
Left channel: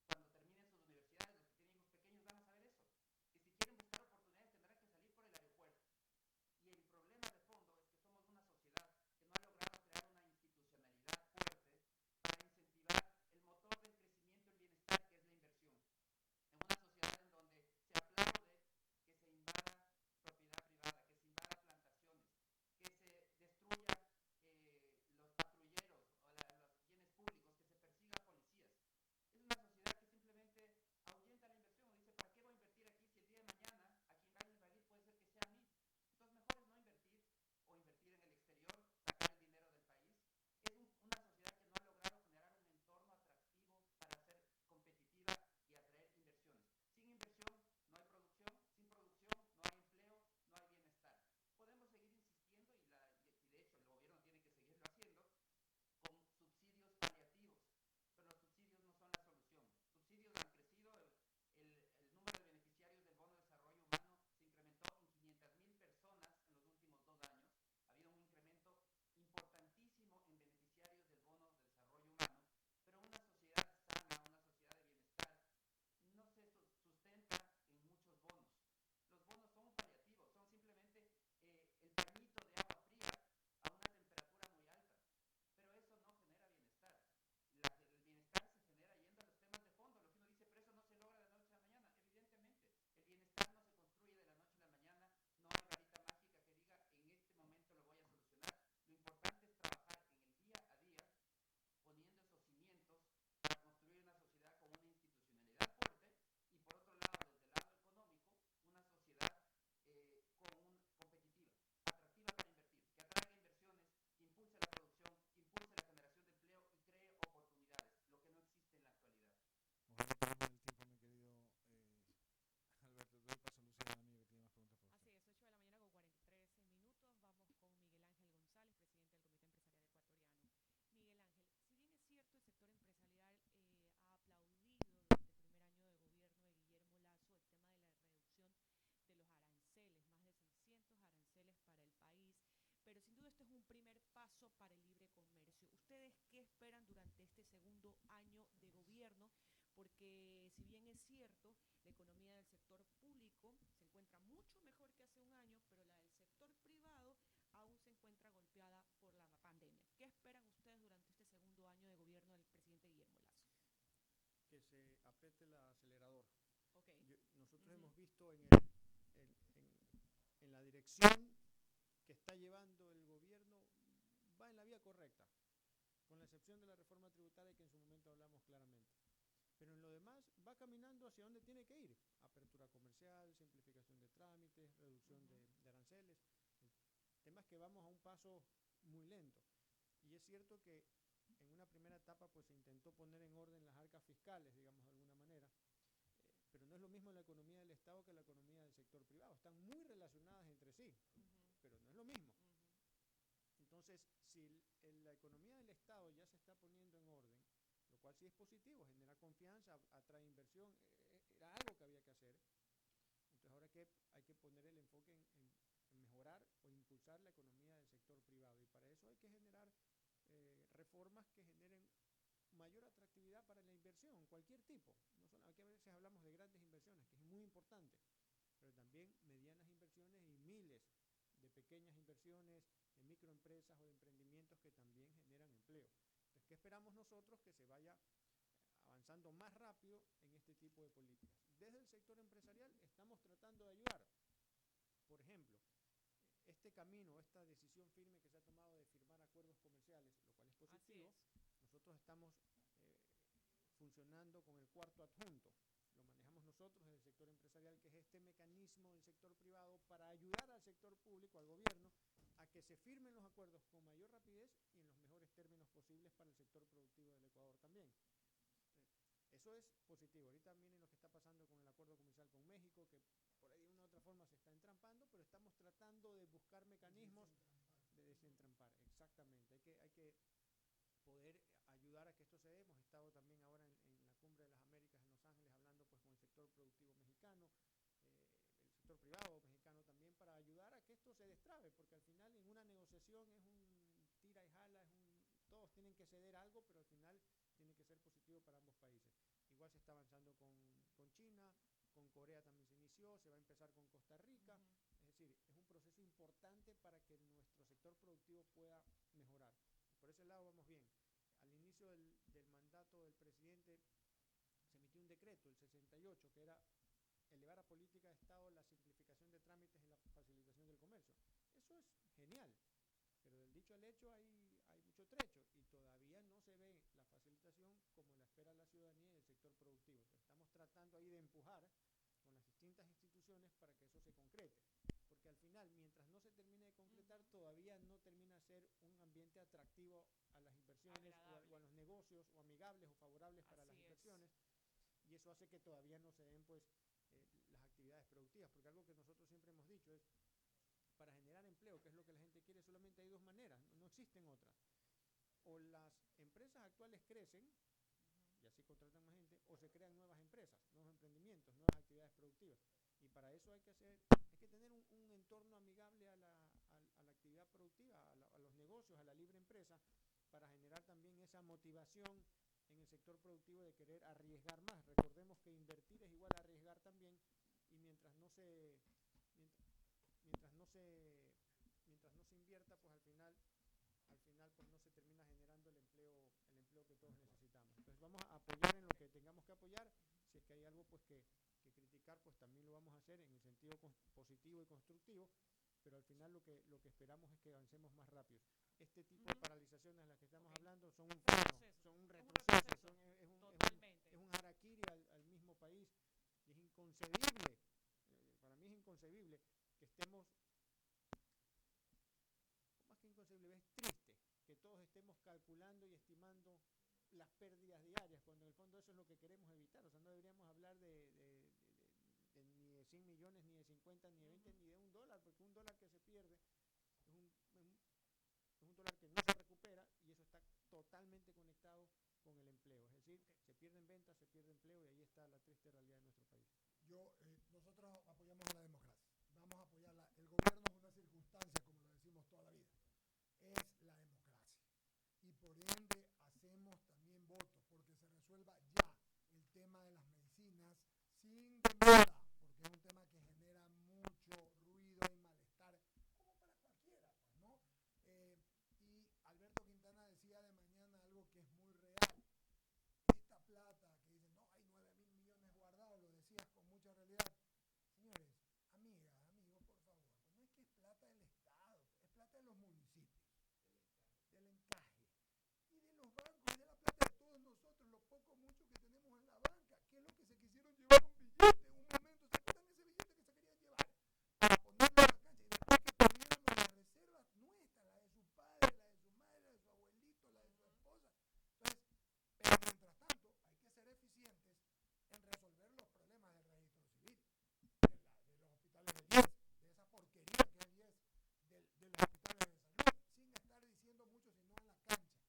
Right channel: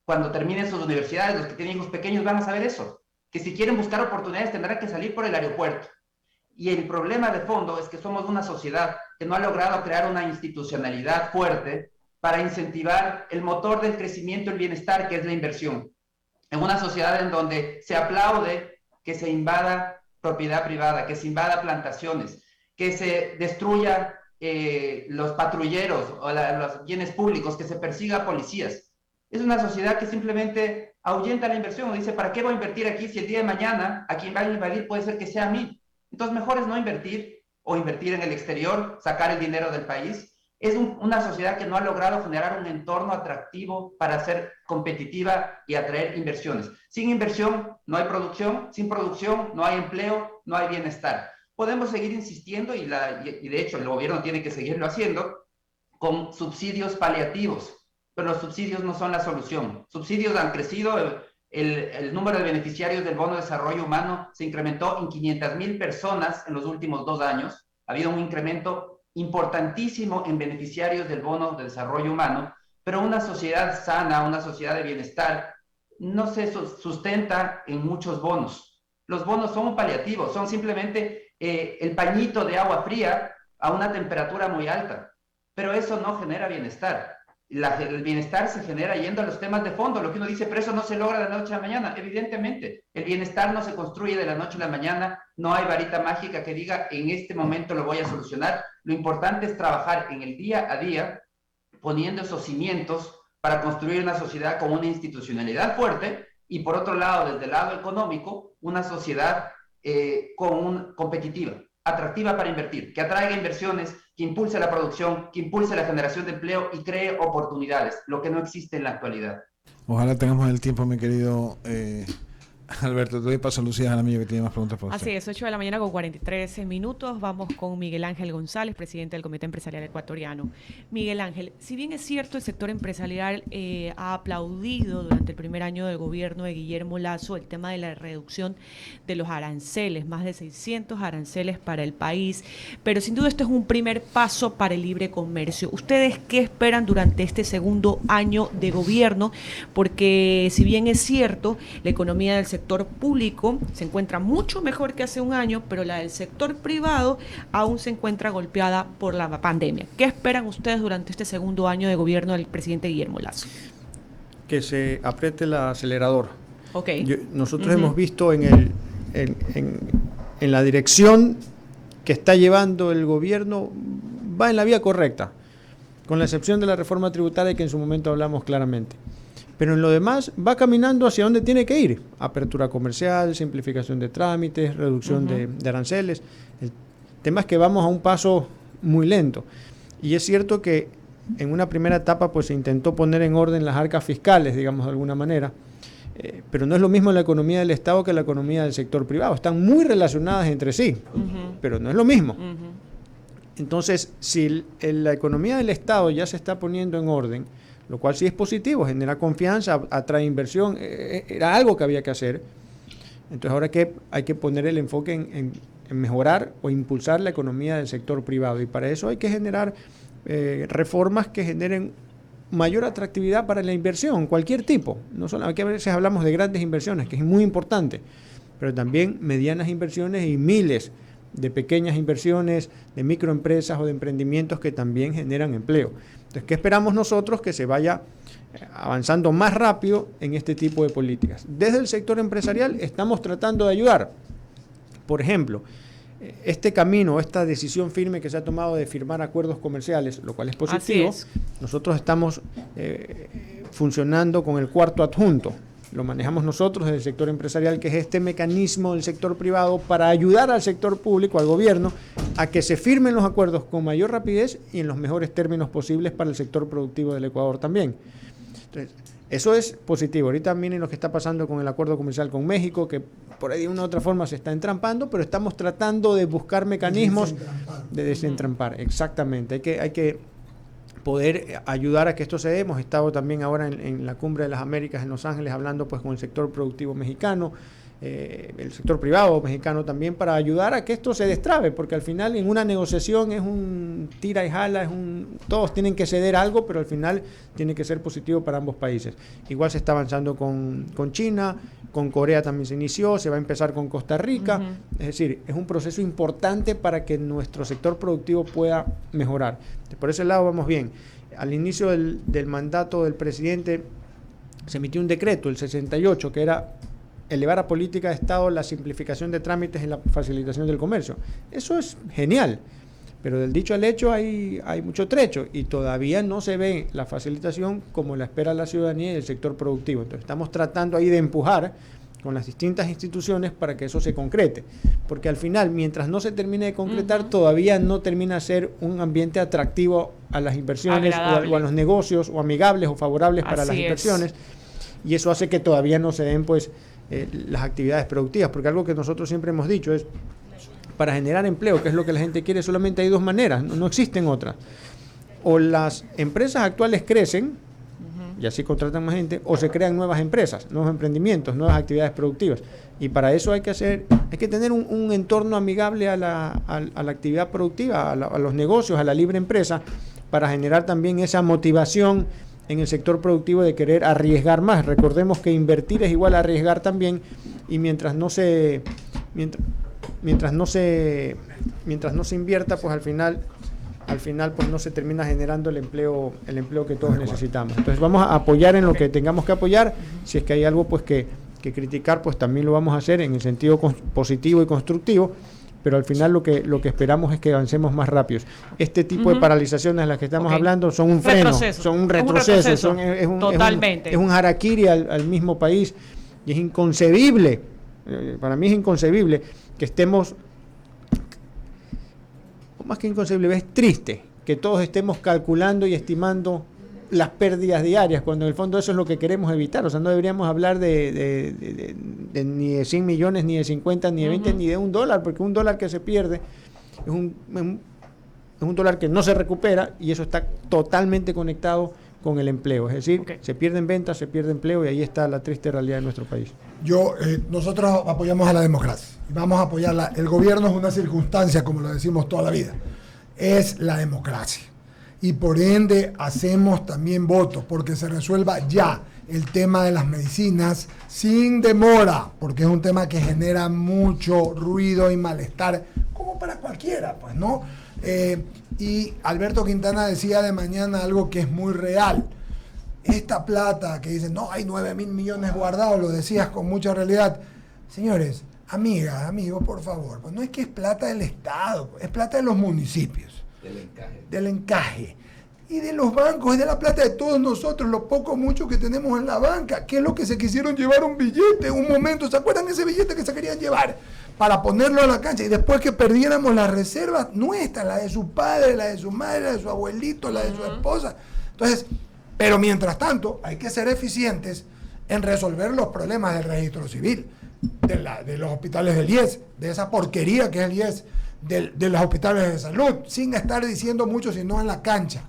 Cuando terminen sus universidades, los que tienen hijos pequeños van a saber eso. Que si quieren buscar oportunidades tendrán que salir por el aeropuerto. Y el problema de fondo es que somos una sociedad que no ha logrado crear una institucionalidad fuerte para incentivar el motor del crecimiento y el bienestar, que es la inversión. En una sociedad en donde se aplaude que se invada propiedad privada, que se invada plantaciones, que se destruya los patrulleros o los bienes públicos, que se persiga a policías. Es una sociedad que simplemente ahuyenta la inversión o dice, ¿para qué voy a invertir aquí si el día de mañana a quien va a invadir puede ser que sea a mí? Entonces mejor es no invertir o invertir en el exterior, sacar el dinero del país. Es una sociedad que no ha logrado generar un entorno atractivo para ser competitiva y atraer inversiones. Sin inversión no hay producción, sin producción no hay empleo, no hay bienestar. Podemos seguir insistiendo y de hecho el gobierno tiene que seguirlo haciendo con subsidios paliativos, pero los subsidios no son la solución. Subsidios han crecido, el número de beneficiarios del Bono de Desarrollo Humano se incrementó en 500,000 personas en los últimos 2 años. Ha habido un incremento importantísimo en beneficiarios del Bono de Desarrollo Humano, pero una sociedad sana, una sociedad de bienestar, no se sustenta en muchos bonos. Los bonos son un paliativo, son simplemente el pañito de agua fría a una temperatura muy alta, pero eso no genera bienestar. El bienestar se genera yendo a los temas de fondo, lo que uno dice, pero eso no se logra de la noche a la mañana. Evidentemente, el bienestar no se construye de la noche a la mañana, no hay varita mágica que diga, en este momento lo voy a solucionar. Lo importante es trabajar en el día a día, poniendo esos cimientos para construir una sociedad con una institucionalidad fuerte y por otro lado, desde el lado económico, una sociedad competitiva, atractiva para invertir, que atraiga inversiones, que impulse la producción, que impulse la generación de empleo y cree oportunidades, lo que no existe en la actualidad. Ojalá tengamos el tiempo, mi querido Alberto. Te doy paso a Lucía Jaramillo, que tiene más preguntas para usted. Así es, 8 de la mañana con 43 minutos. Vamos con Miguel Ángel González, presidente del Comité Empresarial Ecuatoriano. Miguel Ángel, si bien es cierto, el sector empresarial ha aplaudido durante el primer año del gobierno de Guillermo Lasso el tema de la reducción de los aranceles, más de 600 aranceles para el país, pero sin duda esto es un primer paso para el libre comercio. ¿Ustedes qué esperan durante este segundo año de gobierno? Porque si bien es cierto, la economía del sector público se encuentra mucho mejor que hace un año, pero la del sector privado aún se encuentra golpeada por la pandemia. ¿Qué esperan ustedes durante este segundo año de gobierno del presidente Guillermo Lasso? Que se apriete el acelerador. Okay. Nosotros hemos visto en la dirección que está llevando el gobierno, va en la vía correcta, con la excepción de la reforma tributaria que en su momento hablamos claramente. Pero en lo demás va caminando hacia donde tiene que ir. Apertura comercial, simplificación de trámites, reducción de aranceles. El tema es que vamos a un paso muy lento. Y es cierto que en una primera etapa pues se intentó poner en orden las arcas fiscales, digamos de alguna manera. Pero no es lo mismo la economía del Estado que la economía del sector privado. Están muy relacionadas entre sí, pero no es lo mismo. Entonces, si la economía del Estado ya se está poniendo en orden, lo cual sí es positivo, genera confianza, atrae inversión, era algo que había que hacer. Entonces ahora hay que poner el enfoque en mejorar o impulsar la economía del sector privado, y para eso hay que generar reformas que generen mayor atractividad para la inversión, cualquier tipo. No solo, aquí a veces hablamos de grandes inversiones, que es muy importante, pero también medianas inversiones y miles de pequeñas inversiones, de microempresas o de emprendimientos que también generan empleo. Entonces, ¿qué esperamos nosotros? Que se vaya avanzando más rápido en este tipo de políticas. Desde el sector empresarial estamos tratando de ayudar. Por ejemplo, este camino, esta decisión firme que se ha tomado de firmar acuerdos comerciales, lo cual es positivo. Así es. Nosotros estamos funcionando con el cuarto adjunto. Lo manejamos nosotros desde el sector empresarial, que es este mecanismo del sector privado para ayudar al sector público, al gobierno, a que se firmen los acuerdos con mayor rapidez y en los mejores términos posibles para el sector productivo del Ecuador también. Entonces, eso es positivo. Ahorita miren lo que está pasando con el acuerdo comercial con México, que por ahí de una u otra forma se está entrampando, pero estamos tratando de buscar mecanismos de desentrampar. Exactamente. Hay que poder ayudar a que esto se dé. Hemos estado también ahora en la Cumbre de las Américas en Los Ángeles hablando pues con el sector productivo mexicano, el sector privado mexicano también, para ayudar a que esto se destrabe, porque al final en una negociación es un tira y jala, todos tienen que ceder algo, pero al final tiene que ser positivo para ambos países. Igual se está avanzando con China, con Corea también se inició, se va a empezar con Costa Rica. Es decir, es un proceso importante para que nuestro sector productivo pueda mejorar. Por ese lado vamos bien. Al inicio del mandato del presidente se emitió un decreto, el 68, que era elevar a política de Estado la simplificación de trámites en la facilitación del comercio. Eso es genial, pero del dicho al hecho hay mucho trecho y todavía no se ve la facilitación como la espera la ciudadanía y el sector productivo. Entonces estamos tratando ahí de empujar con las distintas instituciones para que eso se concrete, porque al final, mientras no se termine de concretar, todavía no termina de ser un ambiente atractivo a las inversiones o a los negocios, o amigables o favorables para las inversiones, y eso hace que todavía no se den pues las actividades productivas, porque algo que nosotros siempre hemos dicho es, para generar empleo, que es lo que la gente quiere, solamente hay dos maneras, no existen otras. O las empresas actuales crecen, y así contratan más gente, o se crean nuevas empresas, nuevos emprendimientos, nuevas actividades productivas. Y para eso hay que tener un entorno amigable a la actividad productiva, a los negocios, a la libre empresa, para generar también esa motivación en el sector productivo de querer arriesgar más. Recordemos que invertir es igual a arriesgar también, y mientras no se invierta, pues al final pues no se termina generando el empleo que todos necesitamos. Entonces vamos a apoyar en lo que tengamos que apoyar. Si es que hay algo pues que criticar, pues también lo vamos a hacer en el sentido positivo y constructivo, pero al final lo que esperamos es que avancemos más rápido. Este tipo de paralizaciones de las que estamos hablando son un freno, son un retroceso, es un harakiri al mismo país, y es inconcebible, para mí es inconcebible que estemos, más que inconcebible, es triste que todos estemos calculando y estimando las pérdidas diarias, cuando en el fondo eso es lo que queremos evitar. O sea, no deberíamos hablar de ni de 100 millones, ni de 50, ni de 20, ni de $1, porque $1 que se pierde es un dólar que no se recupera, y eso está totalmente conectado con el empleo. Es decir, se pierden ventas, se pierde empleo, y ahí está la triste realidad de nuestro país. Nosotros apoyamos a la democracia y vamos a apoyarla. El gobierno es una circunstancia, como lo decimos toda la vida, es la democracia. Y por ende hacemos también votos porque se resuelva ya el tema de las medicinas sin demora, porque es un tema que genera mucho ruido y malestar, como para cualquiera, pues, ¿no? Y Alberto Quintana decía de mañana algo que es muy real. Esta plata que dicen, no, hay 9.000 millones guardados, lo decías con mucha realidad. Señores, amigas, amigos, por favor, pues no es que es plata del Estado, es plata de los municipios. Del encaje. Y de los bancos, es de la plata de todos nosotros, lo poco mucho que tenemos en la banca. ¿Qué es lo que se quisieron llevar un billete? Un momento, ¿se acuerdan ese billete que se querían llevar? Para ponerlo a la cancha, y después que perdiéramos las reservas nuestras, la de su padre, la de su madre, la de su abuelito, la de su esposa. Entonces, pero mientras tanto, hay que ser eficientes en resolver los problemas del registro civil, de los hospitales del IES, de esa porquería que es el IES, de los hospitales de salud, sin estar diciendo mucho, sino en la cancha.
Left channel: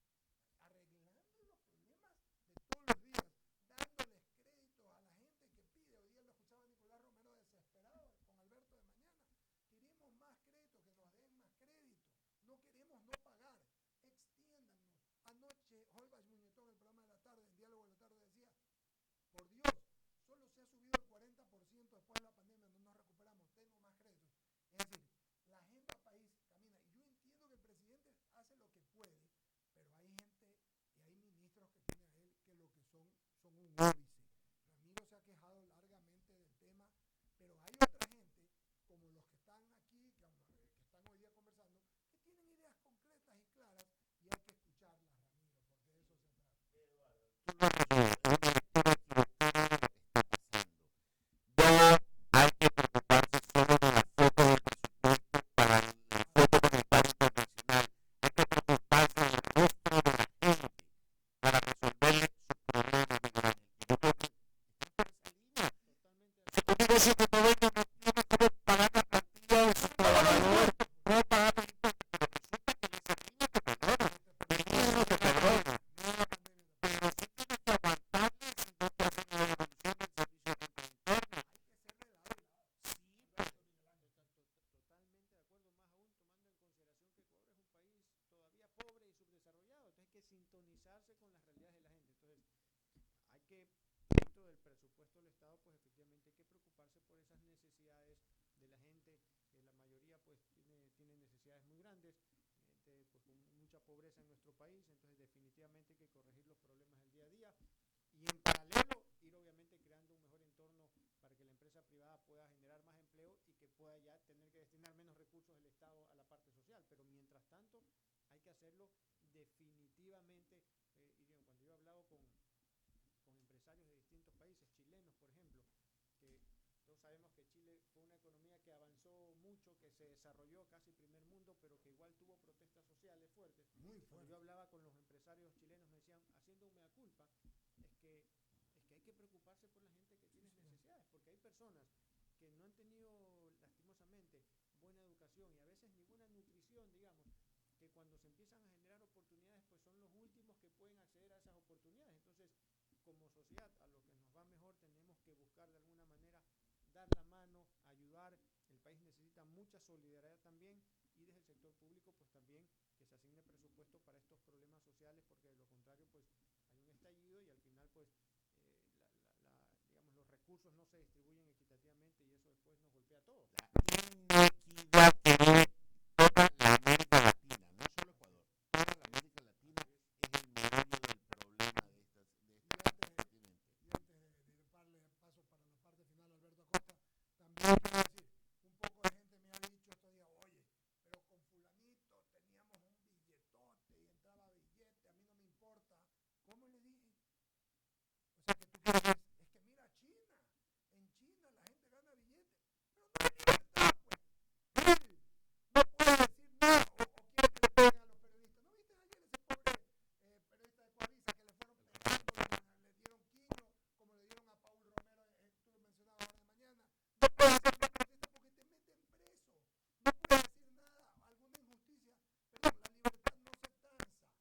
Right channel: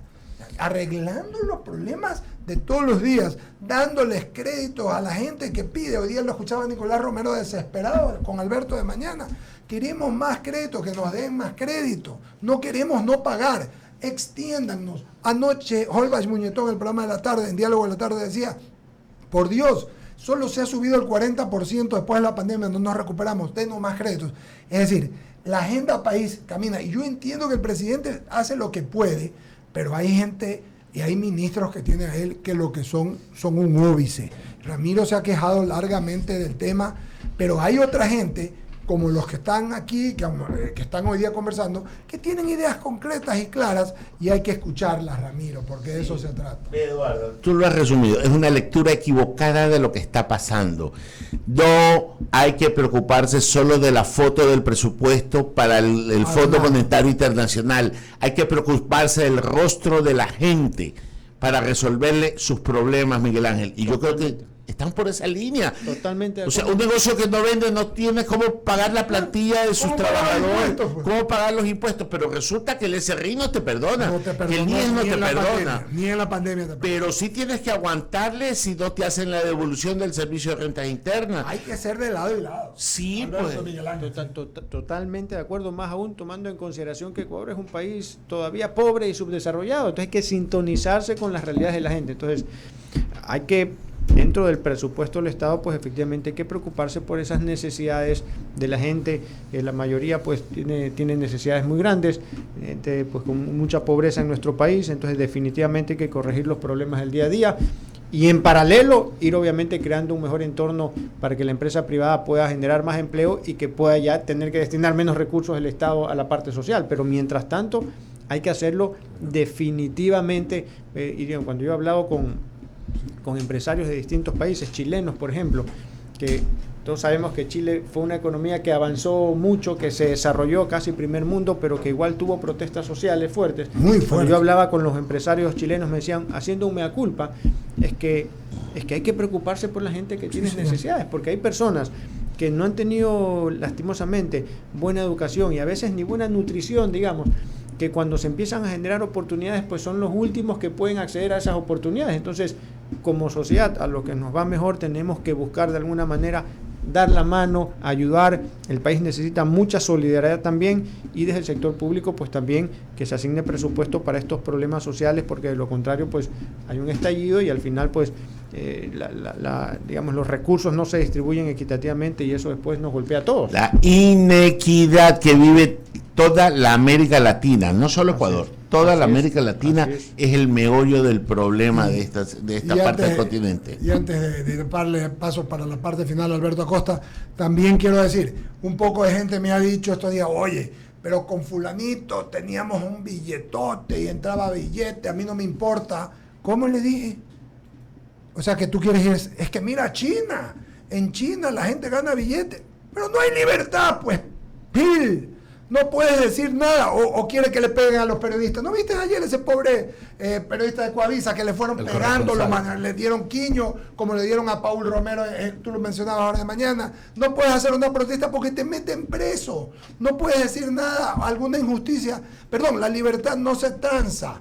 arreglando los problemas de todos los días, dándoles créditos a la gente que pide. Hoy día lo escuchaba Nicolás Romero desesperado con Alberto de Mañana. Queremos más crédito, que nos den más crédito. No queremos no pagar. Extiéndannos. Anoche, Holbach Muñetón, en el programa de la tarde, en Diálogo de la Tarde, decía, por Dios, solo se ha subido el 40% después de la pandemia, no nos recuperamos, denos más créditos. Es decir, la agenda país camina. Y yo entiendo que el presidente hace lo que puede, pero hay gente y hay ministros que tiene a él que lo que son un óbice. Ramiro se ha quejado largamente del tema, pero hay otra gente, como los que están aquí, que están hoy día conversando, que tienen ideas concretas y claras, y hay que escucharlas, Ramiro, porque de eso se trata. Eduardo, tú lo has resumido, es una lectura equivocada de lo que está pasando. No hay que preocuparse solo de la foto del presupuesto para el Fondo Monetario Internacional, hay que preocuparse del rostro de la gente para resolverle sus problemas, Miguel Ángel, y yo creo que están por esa línea. Totalmente. O sea, un negocio que no vende no tiene cómo pagar la plantilla de sus trabajadores, cómo pagar los impuestos, pero resulta que el SRI no te perdona, que el IES no te perdona, ni en la pandemia te perdona. pero sí tienes que aguantarle si no te hacen la devolución del servicio de rentas internas. Hay que ser de lado y lado. Sí, Alberto, pues. Miguel Ángel. Totalmente de acuerdo, más aún tomando en consideración que Ecuador es un país todavía pobre y subdesarrollado, entonces hay que sintonizarse con las realidades de la gente. Entonces hay que, dentro del presupuesto del Estado, pues efectivamente hay que preocuparse por esas necesidades de la gente. La mayoría pues tiene necesidades muy grandes, gente pues con mucha pobreza en nuestro país, entonces definitivamente hay que corregir los problemas del día a día y en paralelo ir obviamente creando un mejor entorno para que la empresa privada pueda generar más empleo y que pueda ya tener que destinar menos recursos del Estado a la parte social, pero mientras tanto hay que hacerlo definitivamente. Y digo, cuando yo he hablado con empresarios de distintos países, chilenos por ejemplo, que todos sabemos que Chile fue una economía que avanzó mucho, que se desarrolló casi primer mundo, pero que igual tuvo protestas sociales fuertes. Muy fuertes. Cuando yo hablaba con los empresarios chilenos me decían, haciendo un mea culpa, es que hay que preocuparse por la gente que tiene necesidades, porque hay personas que no han tenido lastimosamente buena educación y a veces ni buena nutrición, digamos, que cuando se empiezan a generar oportunidades, pues son los últimos que pueden acceder a esas oportunidades. Entonces, como sociedad, a lo que nos va mejor, tenemos que buscar de alguna manera dar la mano, ayudar. El país necesita mucha solidaridad también, y desde el sector público pues también que se asigne presupuesto para estos problemas sociales, porque de lo contrario pues hay un estallido y al final pues digamos los recursos no se distribuyen equitativamente y eso después nos golpea a todos. La inequidad que vive toda la América Latina, no solo Ecuador, toda la América Latina es el meollo del problema de esta parte del continente. Y antes de darle paso para la parte final a Alberto Acosta, también quiero decir, un poco de gente me ha dicho estos días, oye, pero con fulanito teníamos un billetote y entraba billete, a mí no me importa. ¿Cómo le dije? O sea, que tú quieres ir, es que mira China, en China la gente gana billete, pero no hay libertad, pues, Bill. No puedes decir nada, o quiere que le peguen a los periodistas. ¿No viste ayer ese pobre periodista de Coavisa que le fueron pegando, le dieron quiño, como le dieron a Paul Romero, tú lo mencionabas ahora de mañana? No puedes hacer una protesta porque te meten preso. No puedes decir nada, alguna injusticia. Perdón, la libertad no se tranza.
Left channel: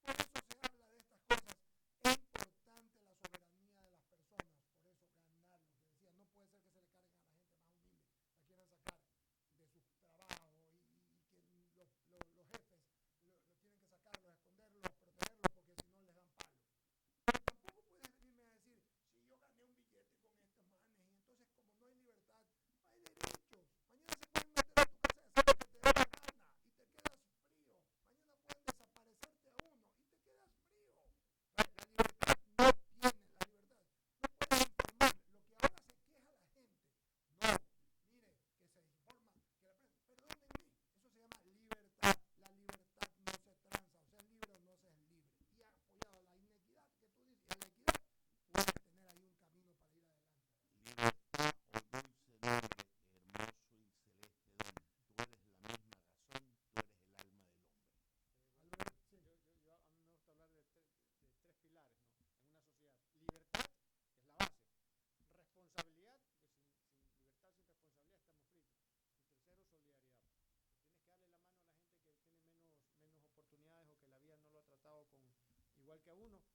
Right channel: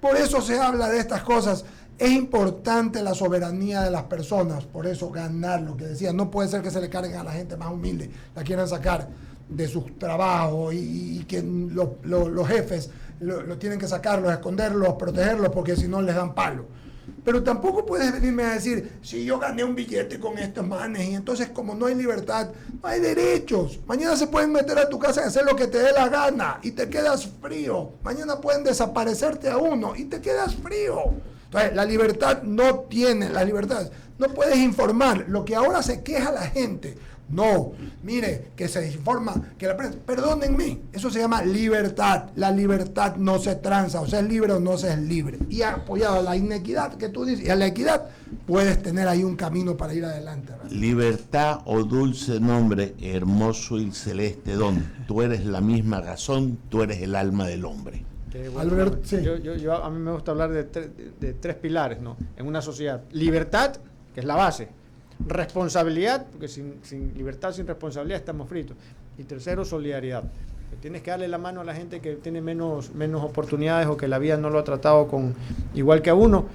Por eso se habla de estas cosas. Es importante la soberanía de las personas, por eso ganar, lo que decía, no puede ser que se le carguen a la gente más humilde, la quieran sacar de sus trabajos y que los jefes lo tienen que sacarlos, esconderlos, protegerlos, porque si no les dan palo. Pero tampoco puedes venirme a decir, si yo gané un billete con estos manes, y entonces como no hay libertad, no hay derechos. Mañana se pueden meter a tu casa y hacer lo que te dé la gana y te quedas frío. Mañana pueden desaparecerte a uno y te quedas frío. Entonces, la libertad no puedes informar. Lo que ahora se queja la gente, no, mire, que se informa, que la prensa, perdónenme, eso se llama libertad. La libertad no se tranza, o sea, es libre o no se es libre. Y apoyado a la inequidad que tú dices, y a la equidad, puedes tener ahí un camino para ir adelante, ¿verdad? Libertad, oh dulce nombre, hermoso y celeste don. Tú eres la misma razón, tú eres el alma del hombre. Alberto, sí. A mí me gusta hablar de tres pilares, ¿no? En una sociedad. Libertad, que es la base. Responsabilidad, porque sin libertad, sin responsabilidad estamos fritos. Y tercero, solidaridad. Tienes que darle la mano a la gente que tiene menos oportunidades o que la vida no lo ha tratado igual que a uno.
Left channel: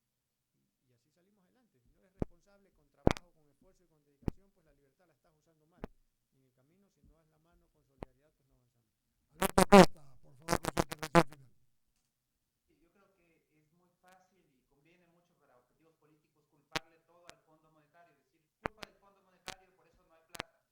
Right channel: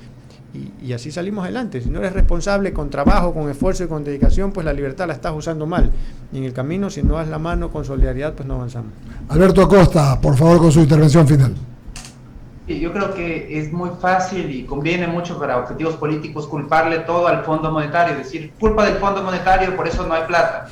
Y así salimos adelante. Si no eres responsable con trabajo, con esfuerzo y con dedicación, pues la libertad la estás usando mal. Y en el camino, si no das la mano con solidaridad, pues no avanzamos. Alberto Acosta, por favor, con su intervención final. Sí, yo creo que es muy fácil y conviene mucho para objetivos políticos culparle todo al Fondo Monetario, decir, culpa del Fondo Monetario, por eso no hay plata.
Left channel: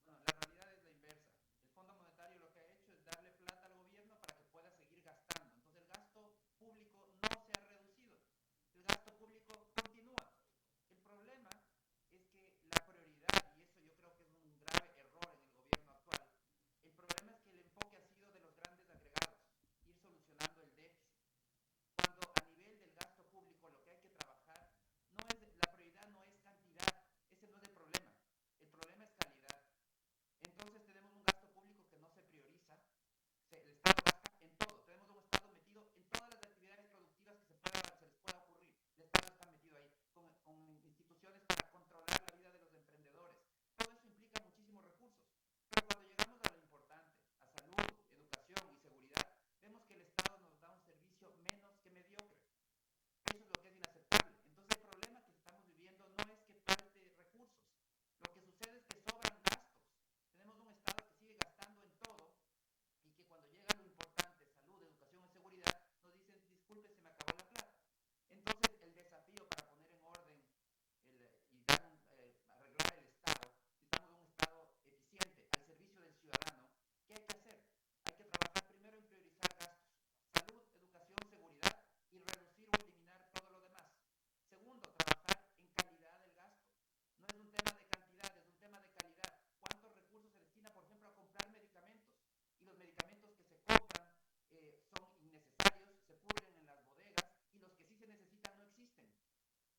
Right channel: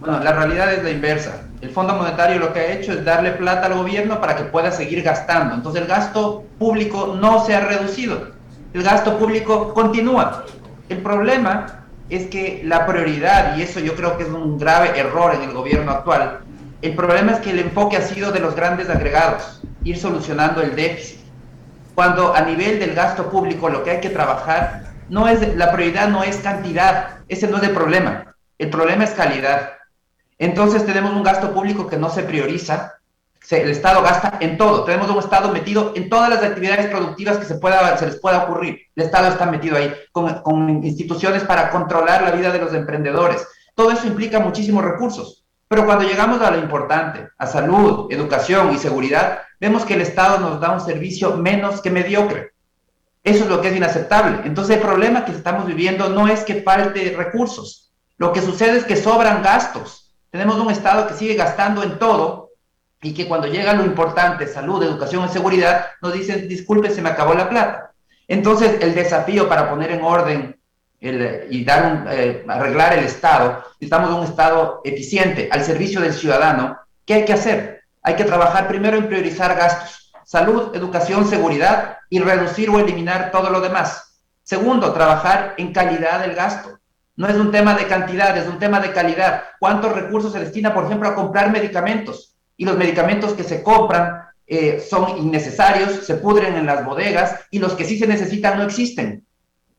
Bueno, la realidad es la inversa. El Fondo Monetario lo que ha hecho es darle plata al gobierno para que pueda seguir gastando. Entonces el gasto público no se ha reducido. El gasto público continúa. El problema es que la prioridad, y eso yo creo que es un grave error en el gobierno actual, el problema es que el enfoque ha sido de los grandes agregados, ir solucionando el déficit. Cuando a nivel del gasto público lo que hay que trabajar, la prioridad no es cantidad, ese no es el problema es calidad. Entonces tenemos un gasto público que no se prioriza, el Estado gasta en todo, tenemos un Estado metido en todas las actividades productivas que se les pueda ocurrir, el Estado está metido ahí, con instituciones para controlar la vida de los emprendedores, todo eso implica muchísimos recursos, pero cuando llegamos a lo importante, a salud, educación y seguridad, vemos que el Estado nos da un servicio menos que mediocre, eso es lo que es inaceptable. Entonces el problema que estamos viviendo no es que falte recursos, lo que sucede es que sobran gastos, tenemos un Estado que sigue gastando en todo, y que cuando llega lo importante, salud, educación y seguridad, nos dicen, disculpe, se me acabó la plata. Entonces, el desafío para poner en orden y arreglar el Estado, necesitamos un Estado eficiente, al servicio del ciudadano. ¿Qué hay que hacer? Hay que trabajar primero en priorizar gastos, salud, educación, seguridad, y reducir o eliminar todo lo demás. Segundo, trabajar en calidad del gasto. No es un tema de cantidad, es un tema de calidad. ¿Cuántos recursos se destina, por ejemplo, a comprar medicamentos? Y los medicamentos que se compran son innecesarios, se pudren en las bodegas, y los que sí se necesitan no existen.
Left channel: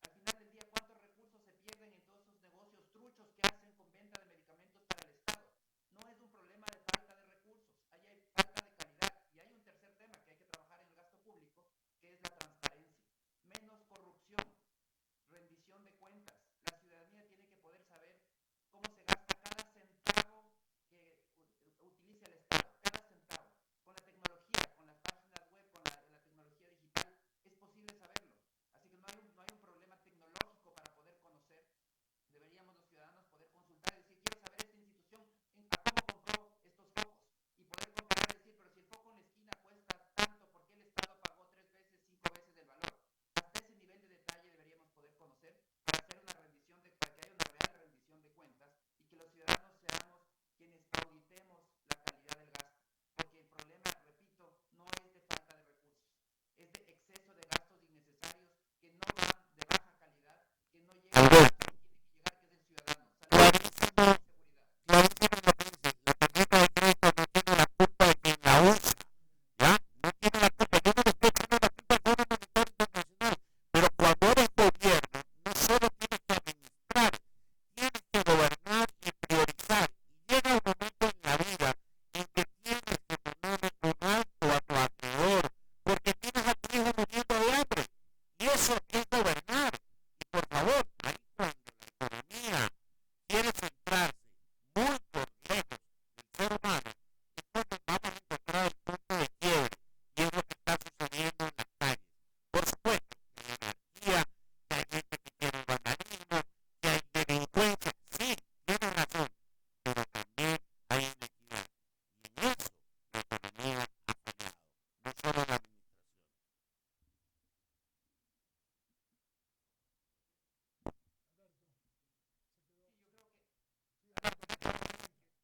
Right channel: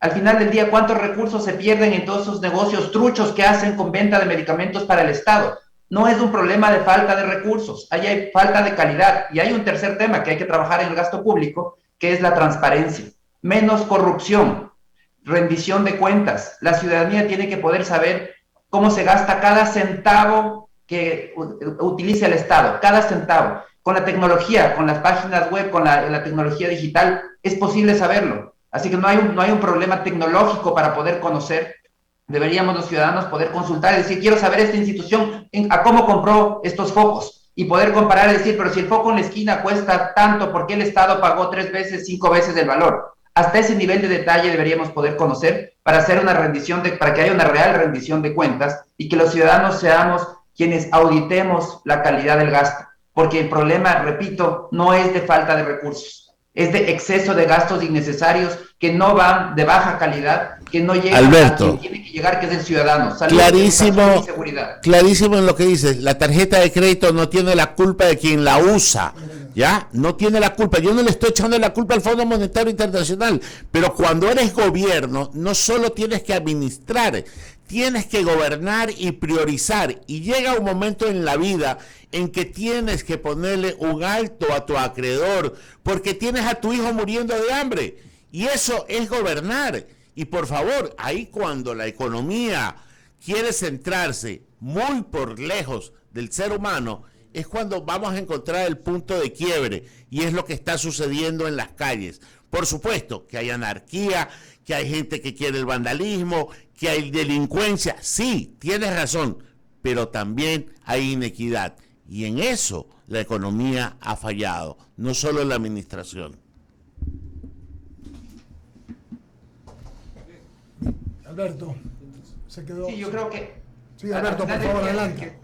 Al final del día, ¿cuántos recursos se pierden en todos esos negocios truchos que hacen con venta de medicamentos para el Estado? No es un problema de falta de recursos, ahí hay falta de calidad. Y hay un tercer tema que hay que trabajar en el gasto público, que es la transparencia. Menos corrupción, rendición de cuentas. La ciudadanía tiene que poder saber cómo se gasta cada centavo que utilice el Estado, cada centavo. Con la tecnología, con las páginas web, con la tecnología digital, es posible saberlo. Así que no hay un problema tecnológico para poder conocer. Deberíamos los ciudadanos poder consultar y decir, quiero saber esta institución a cómo compró estos focos, y poder comparar y decir, pero si el foco en la esquina cuesta tanto, ¿por qué el Estado pagó 3 veces, 5 veces el valor? Hasta ese nivel de detalle deberíamos poder conocer para hacer para que haya una real rendición de cuentas y que los ciudadanos seamos quienes auditemos la calidad del gasto, porque el problema, repito, no es de falta de recursos, es de exceso de gastos innecesarios que no van, de baja calidad, que no llegan Alberto, a quien tiene que llegar, que es el ciudadano. Salud, clarísimo, y seguridad. Clarísimo en lo que dices. La tarjeta de crédito no tiene la culpa de quien la usa, ¿ya? No tiene la culpa. Yo no le estoy echando la culpa al Fondo Monetario Internacional, pero cuando eres gobierno, no solo tienes que administrar, tienes que gobernar y priorizar. Y llega un momento en la vida en que tienes que ponerle un alto a tu acreedor, porque tienes a tu hijo muriendo de hambre. Y eso es gobernar. Y por favor, ahí cuando la economía quiere centrarse muy por lejos del ser humano, es cuando vamos a encontrar el punto de quiebre. Y es lo que está sucediendo en las calles. Por supuesto que hay anarquía, que hay gente que quiere el vandalismo, que hay delincuencia. Sí, tienes razón, pero también hay inequidad. Y en eso la economía ha fallado, no solo la administración. Alberto, se quedó. Sí, yo creo que... Sí, Alberto, por favor, adelante.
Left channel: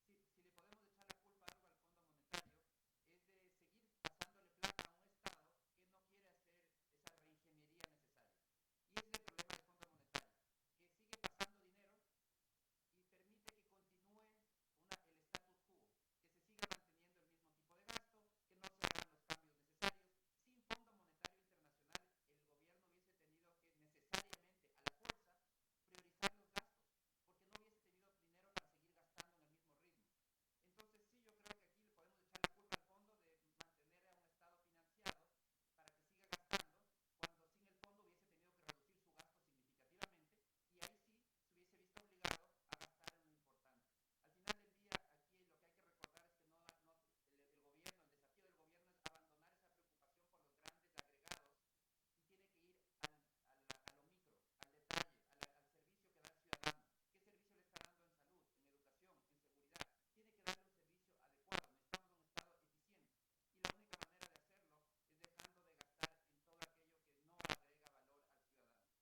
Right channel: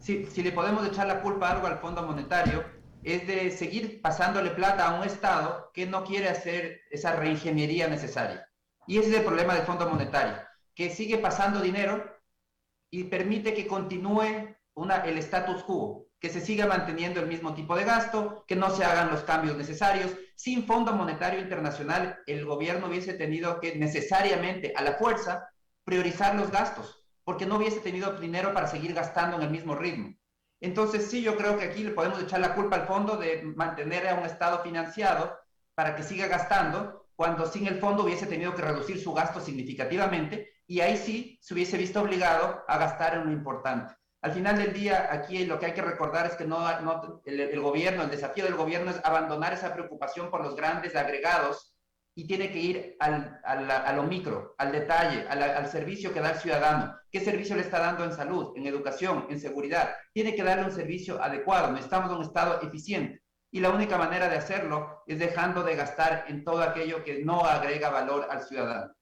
Si le podemos echar la culpa a algo al Fondo Monetario, es de seguir pasándole plata a un Estado que no quiere hacer esa reingeniería necesaria. Y ese es el problema del Fondo Monetario, que sigue pasando dinero y permite que continúe el status quo, que se siga manteniendo el mismo tipo de gasto, que no se hagan los cambios necesarios. Sin Fondo Monetario Internacional, el gobierno hubiese tenido que necesariamente, a la fuerza, priorizar los gastos, porque no hubiese tenido dinero para seguir gastando en el mismo ritmo. Entonces sí, yo creo que aquí le podemos echar la culpa al fondo de mantener a un Estado financiado para que siga gastando, cuando sin el fondo hubiese tenido que reducir su gasto significativamente, y ahí sí se hubiese visto obligado a gastar en lo importante. Al final del día, aquí lo que hay que recordar es que el gobierno, el desafío del gobierno es abandonar esa preocupación por los grandes agregados y tiene que ir a lo micro, al detalle, al servicio que da el ciudadano. ¿Qué servicio le está dando en salud, en educación, en seguridad? Tiene que darle un servicio adecuado. Necesitamos un Estado eficiente. Y la única manera de hacerlo es dejando de gastar en todo aquello que no agrega valor al ciudadano.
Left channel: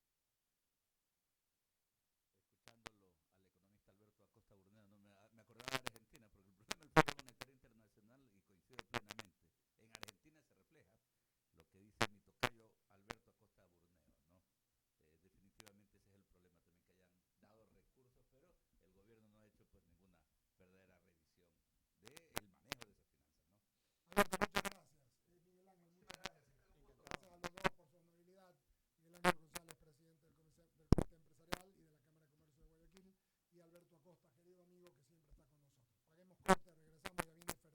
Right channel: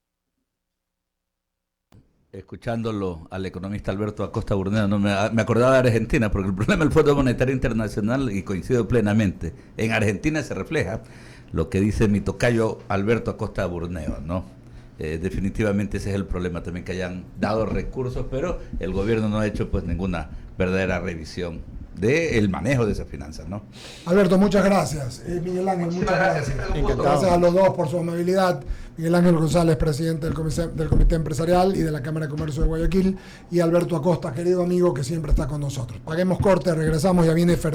Escuchándolo al economista Alberto Acosta Burneo, no me acordaba de Argentina, porque el problema del Fondo Monetario Internacional, y coincido plenamente, en Argentina se refleja lo que dice mi tocayo Alberto Acosta Burneo, ¿no? Definitivamente ese es el problema también, que hayan dado recursos, pero el gobierno no ha hecho pues ninguna verdadera revisión del manejo de esas finanzas, ¿no? Alberto, muchas gracias. Miguel Ángel, muchas gracias. Gracias a los dos por su amabilidad. Miguel Ángel González, presidente del Comité Empresarial y de la Cámara de Comercio de Guayaquil, y Alberto Acosta, querido amigo, que siempre está con nosotros. Paguemos corte, regresamos, ya viene Fernando.